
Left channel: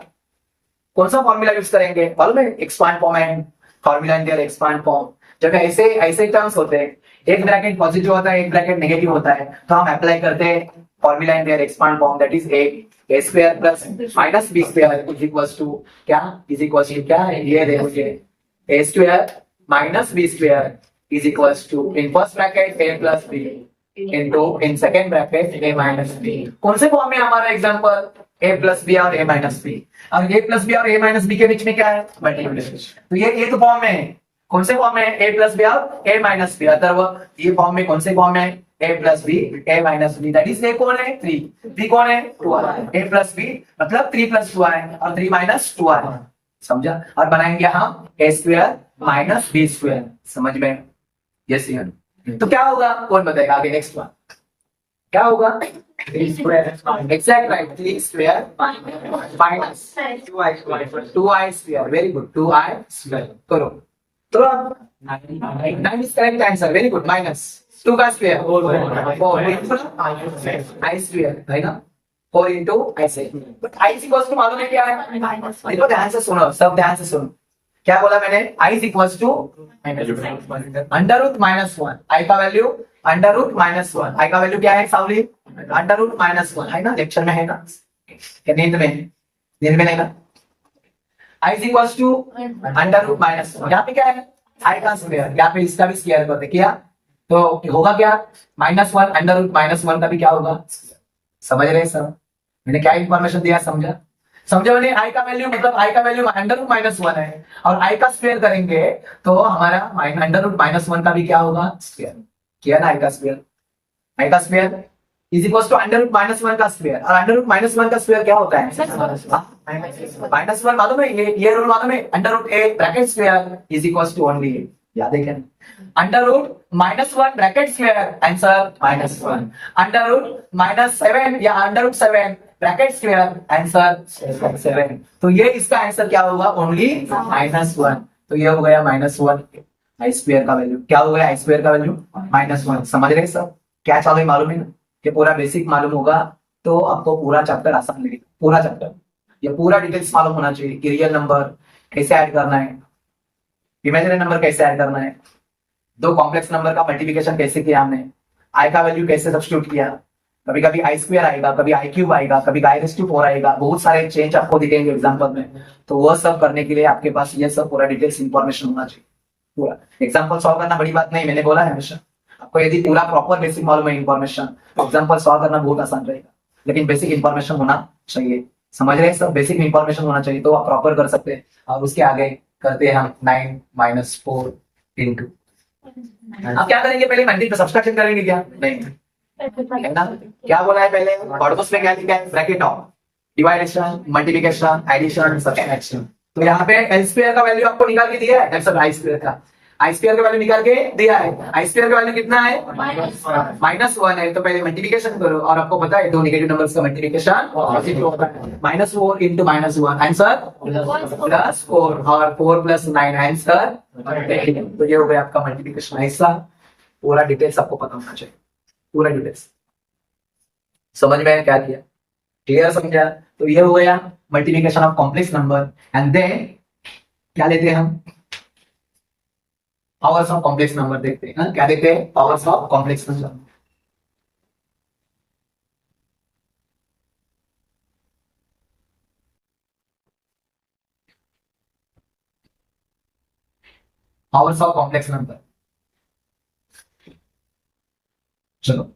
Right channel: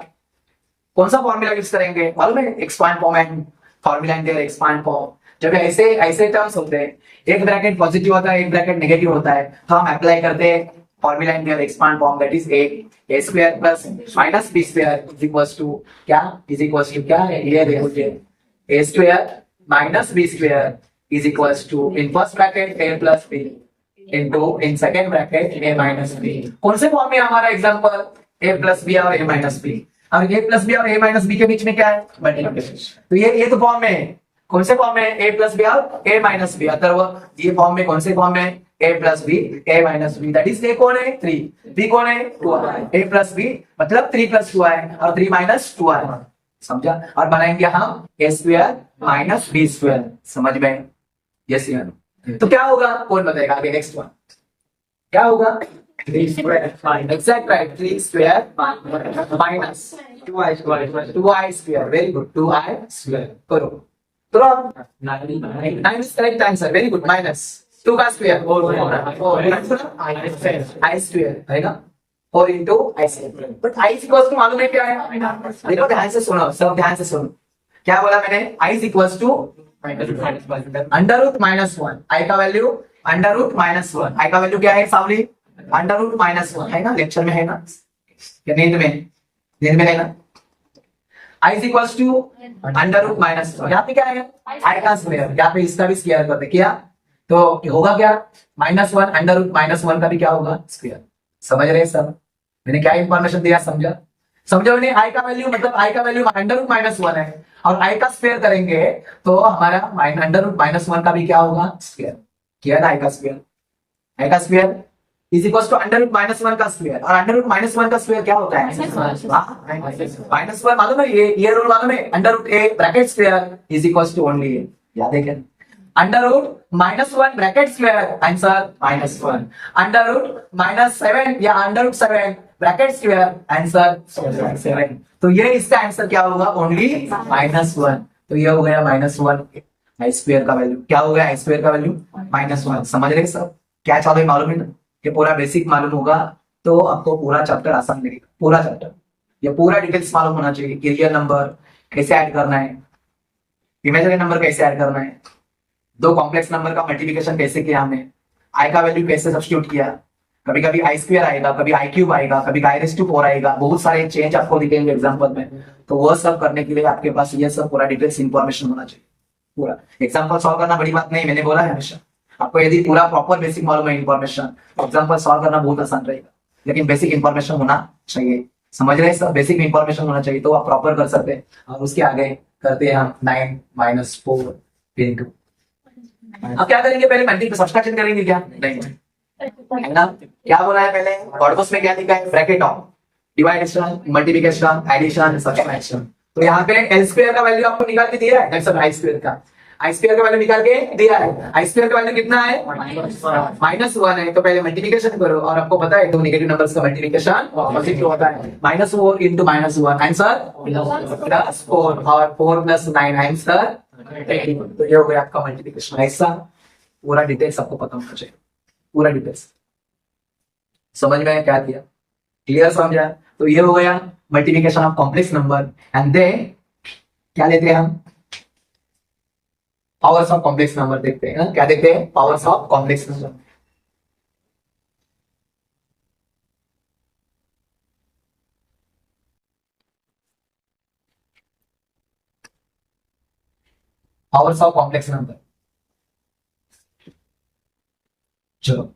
कौन सा फॉर्मूला यूज करेंगे, मालूम है, expand form and formula in their expand form. जब ऐसे टर्म्स होते हैं, एक ब्रैकेट पॉजिटिव होता है, एक ब्रैकेट नेगेटिव होता है, तो हम अप्लाई करते हैं formula in their expand form, that is a square plus minus b square is equals to क्या, इज इक्वल्स टू क्या है, ये देखो ये a square minus b square is equals to in first bracket a plus b into in second bracket a minus b। कौन से form में हमारा एग्जांपल, a प्लस b और a माइनस b, और a प्लस b और a minus b के बीच में क्या है, मल्टीप्लिकेशन। तो ये तो फॉर्म में, कौन से फॉर्म में, a प्लस b और a माइनस b। अतः ये फॉर्म में, कौन से फॉर्म में, a plus b a minus b, that is a कौन है, 3, b कौन है, 2i, a प्लस b मतलब 3 प्लस 2i और 3 माइनस 2i, समझा। और बनाएंगे हम a square minus b square, समझ में, यस यार। तो क्या होगा, कौन बताएगा आगे, नेक्स्ट वन क्या होगा, 3 square, exact right, 3 square minus 2i square, very good, 2i square करो। तो अब 9 is correct answer, very good. Minus 2 का स्क्वायर 4 i स्क्वायर है ना, 4 into i square. But i equals to मालूम है क्या है, देखो ध्यान से सुनो, सब ध्यान से सुनो, क्या बोला मैंने, i equals to under root minus 1, i का value under root minus 1, i का वैल्यू क्या है सावली, अंडर रूट माइनस 1 है ना, लेक्चर में है ना, क्या नींद में नहीं ना। i equals to under root minus 1, यहाँ पे क्या है, i का स्क्वायर, यहाँ पे इसका भी स्क्वायर करते किया, तो होगा क्या, -1 अंडर रूट -1 का भी क्या होगा, स्क्वायर। समझ रहे सब, मैंने क्या इंफॉर्मेशन दिया, समझो मैंने, i का वैल्यू मतलब i का वैल्यू अंडर रूट -1 है, और i का स्क्वायर करेंगे तो हमारा अंडर रूट -1 का भी क्या होगा, स्क्वायर। किया ना, i का square is equal to under root -1 का स्क्वायर, और अंडर रूट -1 का स्क्वायर क्या होता है, -1 मालूम है, ये रूल मालूम है, under root a bracket square is equal to only a, याद है क्या, under root -1 bracket square, answer -1, under root -7 या under root 7 bracket square, answer 7। तो ये इसका आंसर क्या होगा, ओनली -1। तो ये हो गया -1 i स्क्वायर का वैल्यू, क्या हो गया, i स्क्वायर का वैल्यू -1। समझ रहे सब, क्या चालू है मालूम है ना, ये पूरा बेसिक मालूम होगा तो आपको पूरा चैप्टर आसान लगेगा, पूरा चैप्टर, ये पूरा डिटेल्स मालूम होना चाहिए कि रियल नंबर कैसे ऐड करना है, इमेजिनरी नंबर कैसे ऐड करना है, 2 कॉम्प्लेक्स नंबर का मल्टीप्लिकेशन कैसे किया हमने, i का वैल्यू कैसे सब्स्टिट्यूट किया, कभी कभी i स्क्वायर आएगा, कभी i क्यूब आएगा, कभी i⁴ आएगा, बहुत सारे चेंज आपको दिखेंगे एग्जांपल में। तो वह सब करने के लिए आपके पास ये सब पूरा डिटेल्स इंफॉर्मेशन होना चाहिए। पूरा एग्जांपल सॉल्व करना बड़ी बात नहीं, मैंने बोला है हमेशा आपको, यदि पूरा प्रॉपर बेसिक मालूम है इन्फॉर्मेशन, एग्जांपल सॉल्व करना बहुत आसान रहेगा, लेकिन बेसिक इंफॉर्मेशन होना चाहिए। समझ रहे हैं सब, बेसिक इंफॉर्मेशन होना चाहिए तो आप प्रॉपर कर सकते हैं। और उसके आगे करते हैं हम 9 - 4 इंटू, अब क्या करेंगे, पहले मल्टीप्लिकेशन सब्सट्रैक्शन करेंगे क्या, नहीं, है ना? क्या बोला है पहले? कॉर्पस में क्या लिखा है? Bracket of division, multiplication, addition, subtraction. तो यहाँ पे एल स्क्वायर का वैल्यू आपको निकाल के दिया है, दैट्स आई स्क्वायर का। आई स्क्वायर का वैल्यू निकाल के दिया है। आई स्क्वायर का वैल्यू कितना है? -1 है। तो पहले मल्टीप्लिकेशन करो, और आपको पता है दो नेगेटिव नंबर्स का मल्टीप्लिकेशन पॉजिटिव होता है। -4 इंटू -1 आंसर +4, और 4 + 9 आंसर 18। तो ये हो गया आपका मल्टीप्लिकेशन। ऐसा पूरा डिटेल्स आपको पता होना चाहिए, पूरा डिटेल्स। समझ में आया क्या किया? क्लियर समझा? तो ये हो गया multiplication of complex number. And then क्या लेते हैं हम? पावर्स ऑफ कॉम्प्लेक्स नंबर देखते हैं। क्या देखते हैं? Powers of complex number. Powers of complex number. चलो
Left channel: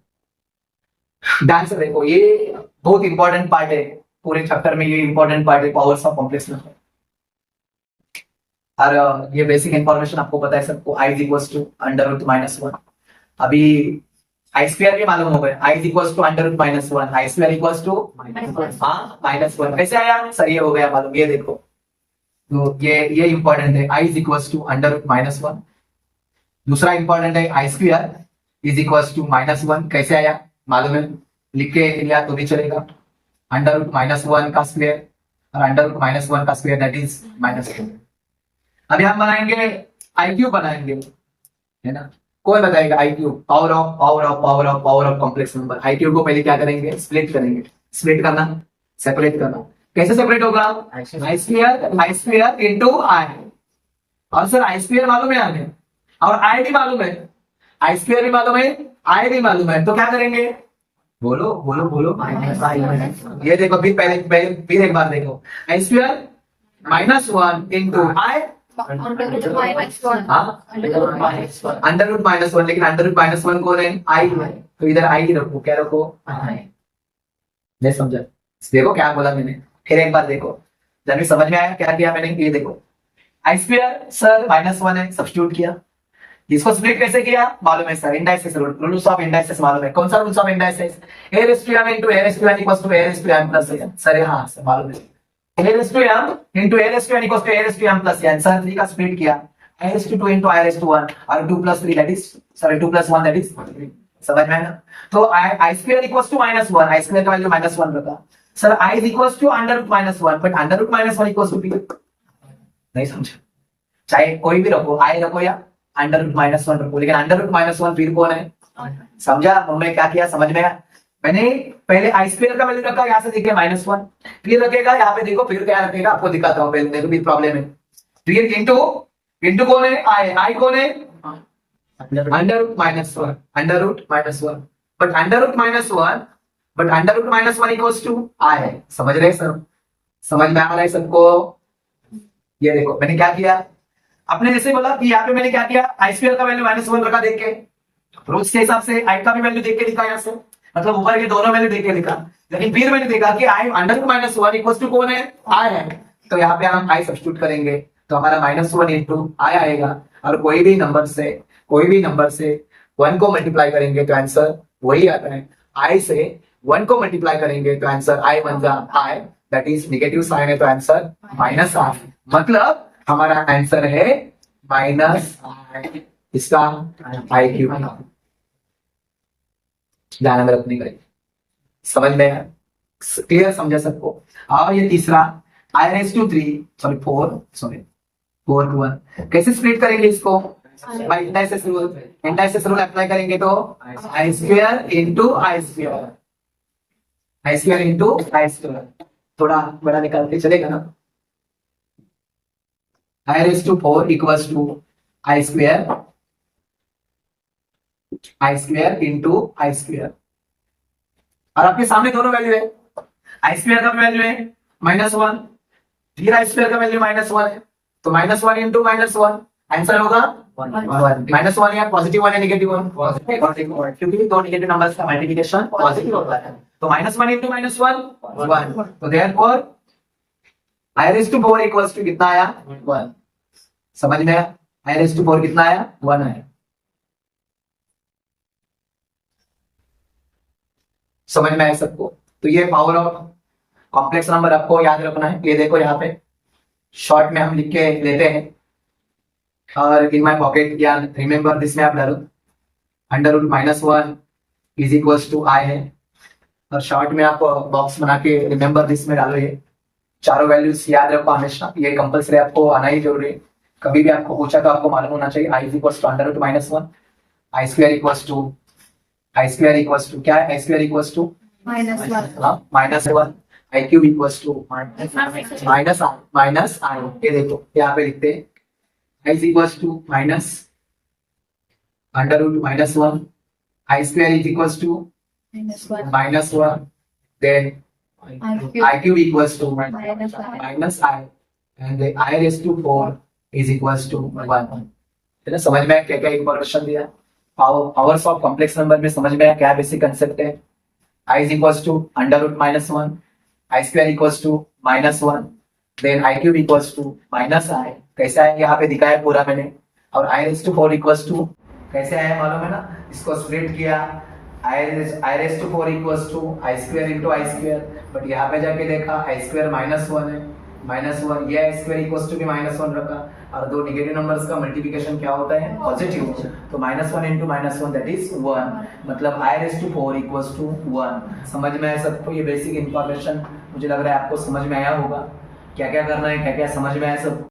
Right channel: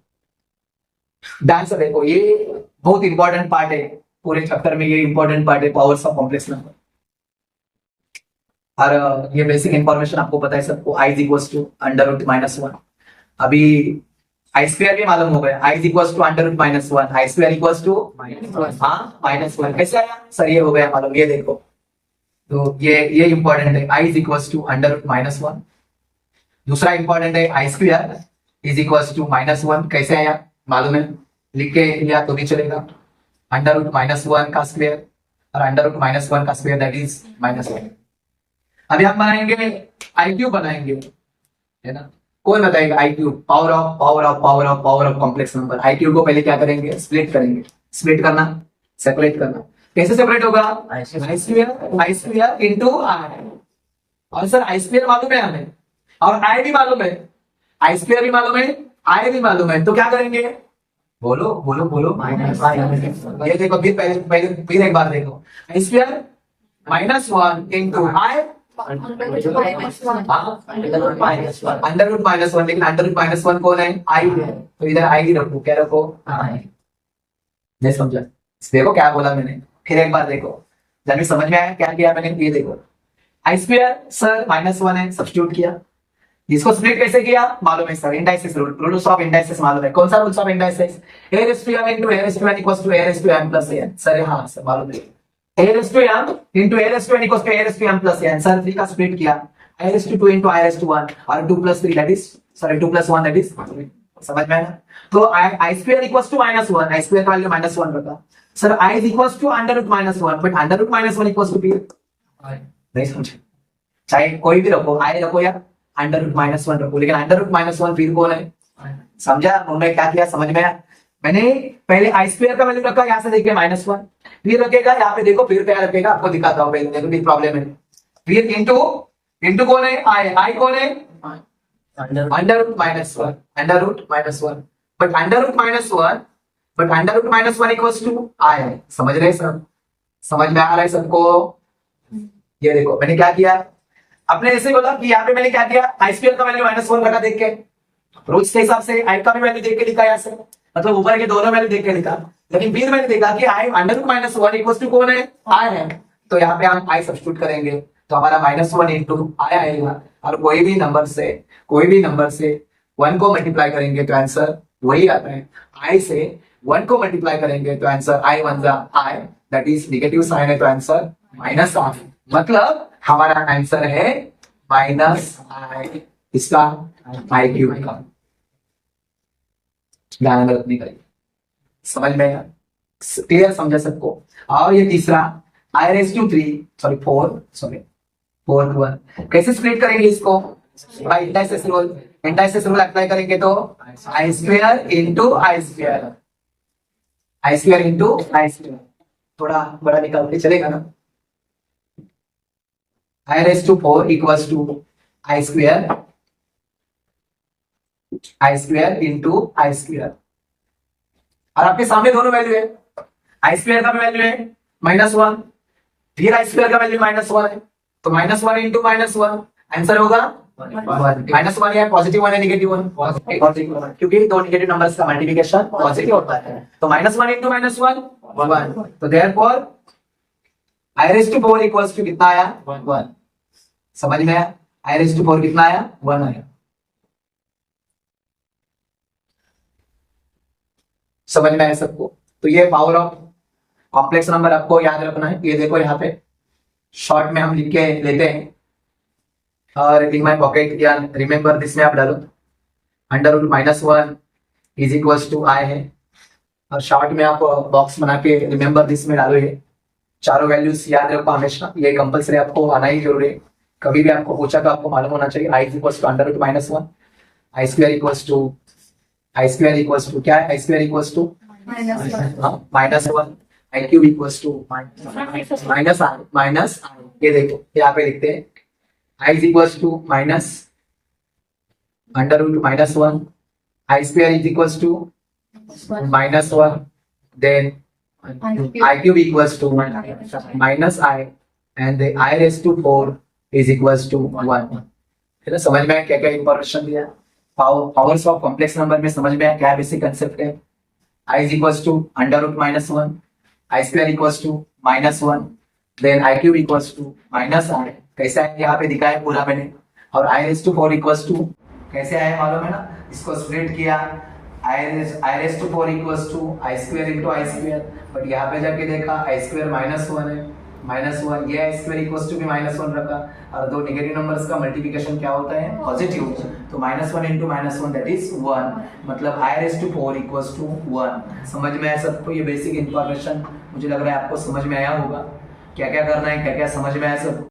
ध्यान से देखो, ये बहुत इंपॉर्टेंट पार्ट है पूरे चैप्टर में। ये इंपॉर्टेंट पार्ट है पावर्स ऑफ कॉम्प्लेक्स नंबर। और ये बेसिक इंफॉर्मेशन आपको पता है सबको। i is equal to √-1। अभी आई स्क्वायर भी मालूम हो गया। i is equal to √-1, i square equal to -1। कैसे आया सर? ये हो गया मालूम। ये देखो, तो ये इंपॉर्टेंट है। i is equal to √-1। दूसरा इंपॉर्टेंट है i square is equal to -1। कैसे आया मालूम है? लिख के लिया तो भी चलेगा। √-1 का स्क्वायर और √-1 का स्क्वायर, दैट इज -1। अभी हम बनाएंगे आई क्यूब बनाएंगे, है ना? कौन बताएगा i cube? Power of complex number. I cube को पहले क्या करेंगे? स्प्लिट करेंगे। स्प्लिट करना, सेपरेट करना। कैसे सेपरेट होगा? आई स्क्वायर इंटू आई। और सर आई स्क्वायर मालूम है हमें, और आई भी मालूम है। आई स्क्वायर भी मालूम है, आई भी मालूम है। तो क्या करेंगे? बोलो बोलो बोलो। ये देखो, फिर पहले पहले फिर एक बार देखो। आई स्क्वायर -1 इंटू आई √-1। लेकिन √-1 कौन है? आई है। तो इधर आई ही रखो। क्या रखो? नहीं समझा? देखो क्या बोला मैंने, फिर एक बार देखो। जब समझ में आया क्या किया मैंने? ये देखो, आई स्क्वायर सर -1 है, सब्स्टिट्यूट किया। इसको स्प्लिट कैसे किया मालूम है sir? Indices rules of indices मालूम है। कौन सा rules of indices? a⁻m into a⁻n equals to a⁻m plus n। Sir हाँ सर मालूम है। a⁻m into a⁻n equals to a⁻m plus n। Sir 3 का स्प्लिट किया, i⁻2 into i⁻1 और 2 + 3 that is, sorry 2 + 1 that is. समझ में आया? तो i square equals to -1, i square का वैल्यू -1 रखा। Sir i is equals to √-1, but √-1 equals to p। नहीं समझे? चाहे कोई भी रखो, i रखो या √-1 रखो, लेकिन √-1 फिर कौन है? समझा? उन्होंने क्या किया समझ में आया? मैंने पहले आई स्क्वायर का वैल्यू रखा, यहाँ से देखिए -1, फिर रखेगा यहाँ पे देखो, फिर क्या रखेगा आपको दिखाता हूँ। पहले देखो भी प्रॉब्लम है। फिर इंटू कौन है? आई कौन है? √-1, बट √-1 इक्वल्स टू आई। समझ रहे हैं सब? समझ में आ रहा है सबको? ये देखो मैंने क्या किया, आपने ऐसे बोला कि यहाँ पे मैंने क्या किया, आई स्क्वायर का वैल्यू -1 रखा देख के, रूल्स के हिसाब से आई का भी वैल्यू देख के लिखा यहाँ से, मतलब ऊपर के दोनों वैल्यू देख के लिखा। लेकिन फिर मैंने देखा कि आई √-1 इक्वल्स टू कौन है? आई है। तो यहाँ पे हम आई सब्स्टिट्यूट करेंगे तो हमारा -1 इंटू आई आएगा, और कोई भी नंबर से 1 को मल्टीप्लाई करेंगे तो आंसर वही आता है। आई से 1 को मल्टीप्लाई करेंगे तो answer i 1 i, that is negative sign है तो आंसर -आई। मतलब हमारा आंसर है -i, इसका आई क्यूब का। ध्यान में रखने का। समझ में क्लियर? समझा सबको? और ये तीसरा i⁻³ 4 कैसे स्प्लिट करेंगे इसको? बाय इंडाइसिस रूल अप्लाई करेंगे तो i square into i square. थोड़ा बड़ा निकाल के चलेगा ना? i⁻4 equals to i square into i square. और आपके सामने दोनों वैल्यू है, आई स्क्वायर का भी वैल्यू है -1, फिर आई स्क्वायर का वैल्यू -1 है, तो -1 इंटू -1 आंसर होगा -1 या +1 या -1? पॉजिटिव, क्योंकि दो नेगेटिव नंबर्स का मल्टीप्लिकेशन पॉजिटिव होता है। तो -1 इंटू -1 1। तो देयरफॉर i⁻4 इक्वल्स टू कितना आया? 1। समझ में आया? i⁻4 कितना आया? 1 आया। समझ में आया सबको? तो ये पावर ऑफ कॉम्प्लेक्स नंबर आपको याद रखना है। ये देखो यहाँ पे शॉर्ट में हम लिख के लेते हैं, और इन माई पॉकेट या रिमेंबर दिस में आप डालो √-1 इज इक्वल्स टू आई है, और शॉर्ट में आप बॉक्स बना के रिमेंबर दिस में डालो। ये चारों वैल्यूज याद रखो हमेशा, ये कंपल्सरी आपको आना ही जरूरी है। कभी भी आपको पूछा तो आपको मालूम होना चाहिए। I is equals to √-1, i square equals to क्या है? I square equals to -1, i cube equals to minus i. ये देखो यहाँ पे लिखते हैं i is equals to √-1, i square is equals to -1, then I cube equals to minus I, and the I raised to 4 is equals to 1. है ना? समझ में आया क्या क्या इंफॉर्मेशन दिया? पावर्स ऑफ कॉम्प्लेक्स नंबर में समझ में आया क्या बेसिक कंसेप्ट है? I is equals to √-1, I square equals to -1, then I cube equals to -I. कैसे आया यहाँ पे दिखाया पूरा मैंने। और I raised to 4 equals to कैसे आया मालूम है ना? इसको स्प्लिट किया, I raised to 4 equals to I square into I square, but यहाँ पे जाके देखा I square -1 है, -1, ये I square equals to भी -1 रखा, और दो नेगेटिव नंबर्स का मल्टीप्लिकेशन क्या होता है? पॉजिटिव। तो -1 into -1 दैट इज 1, मतलब I raised to 4 equals to 1। समझ में आया सबको? ये बेसिक इंफॉर्मेशन मुझे लग रहा है आपको समझ में आया होगा। क्या क्या करना है, क्या क्या समझ में आया सब?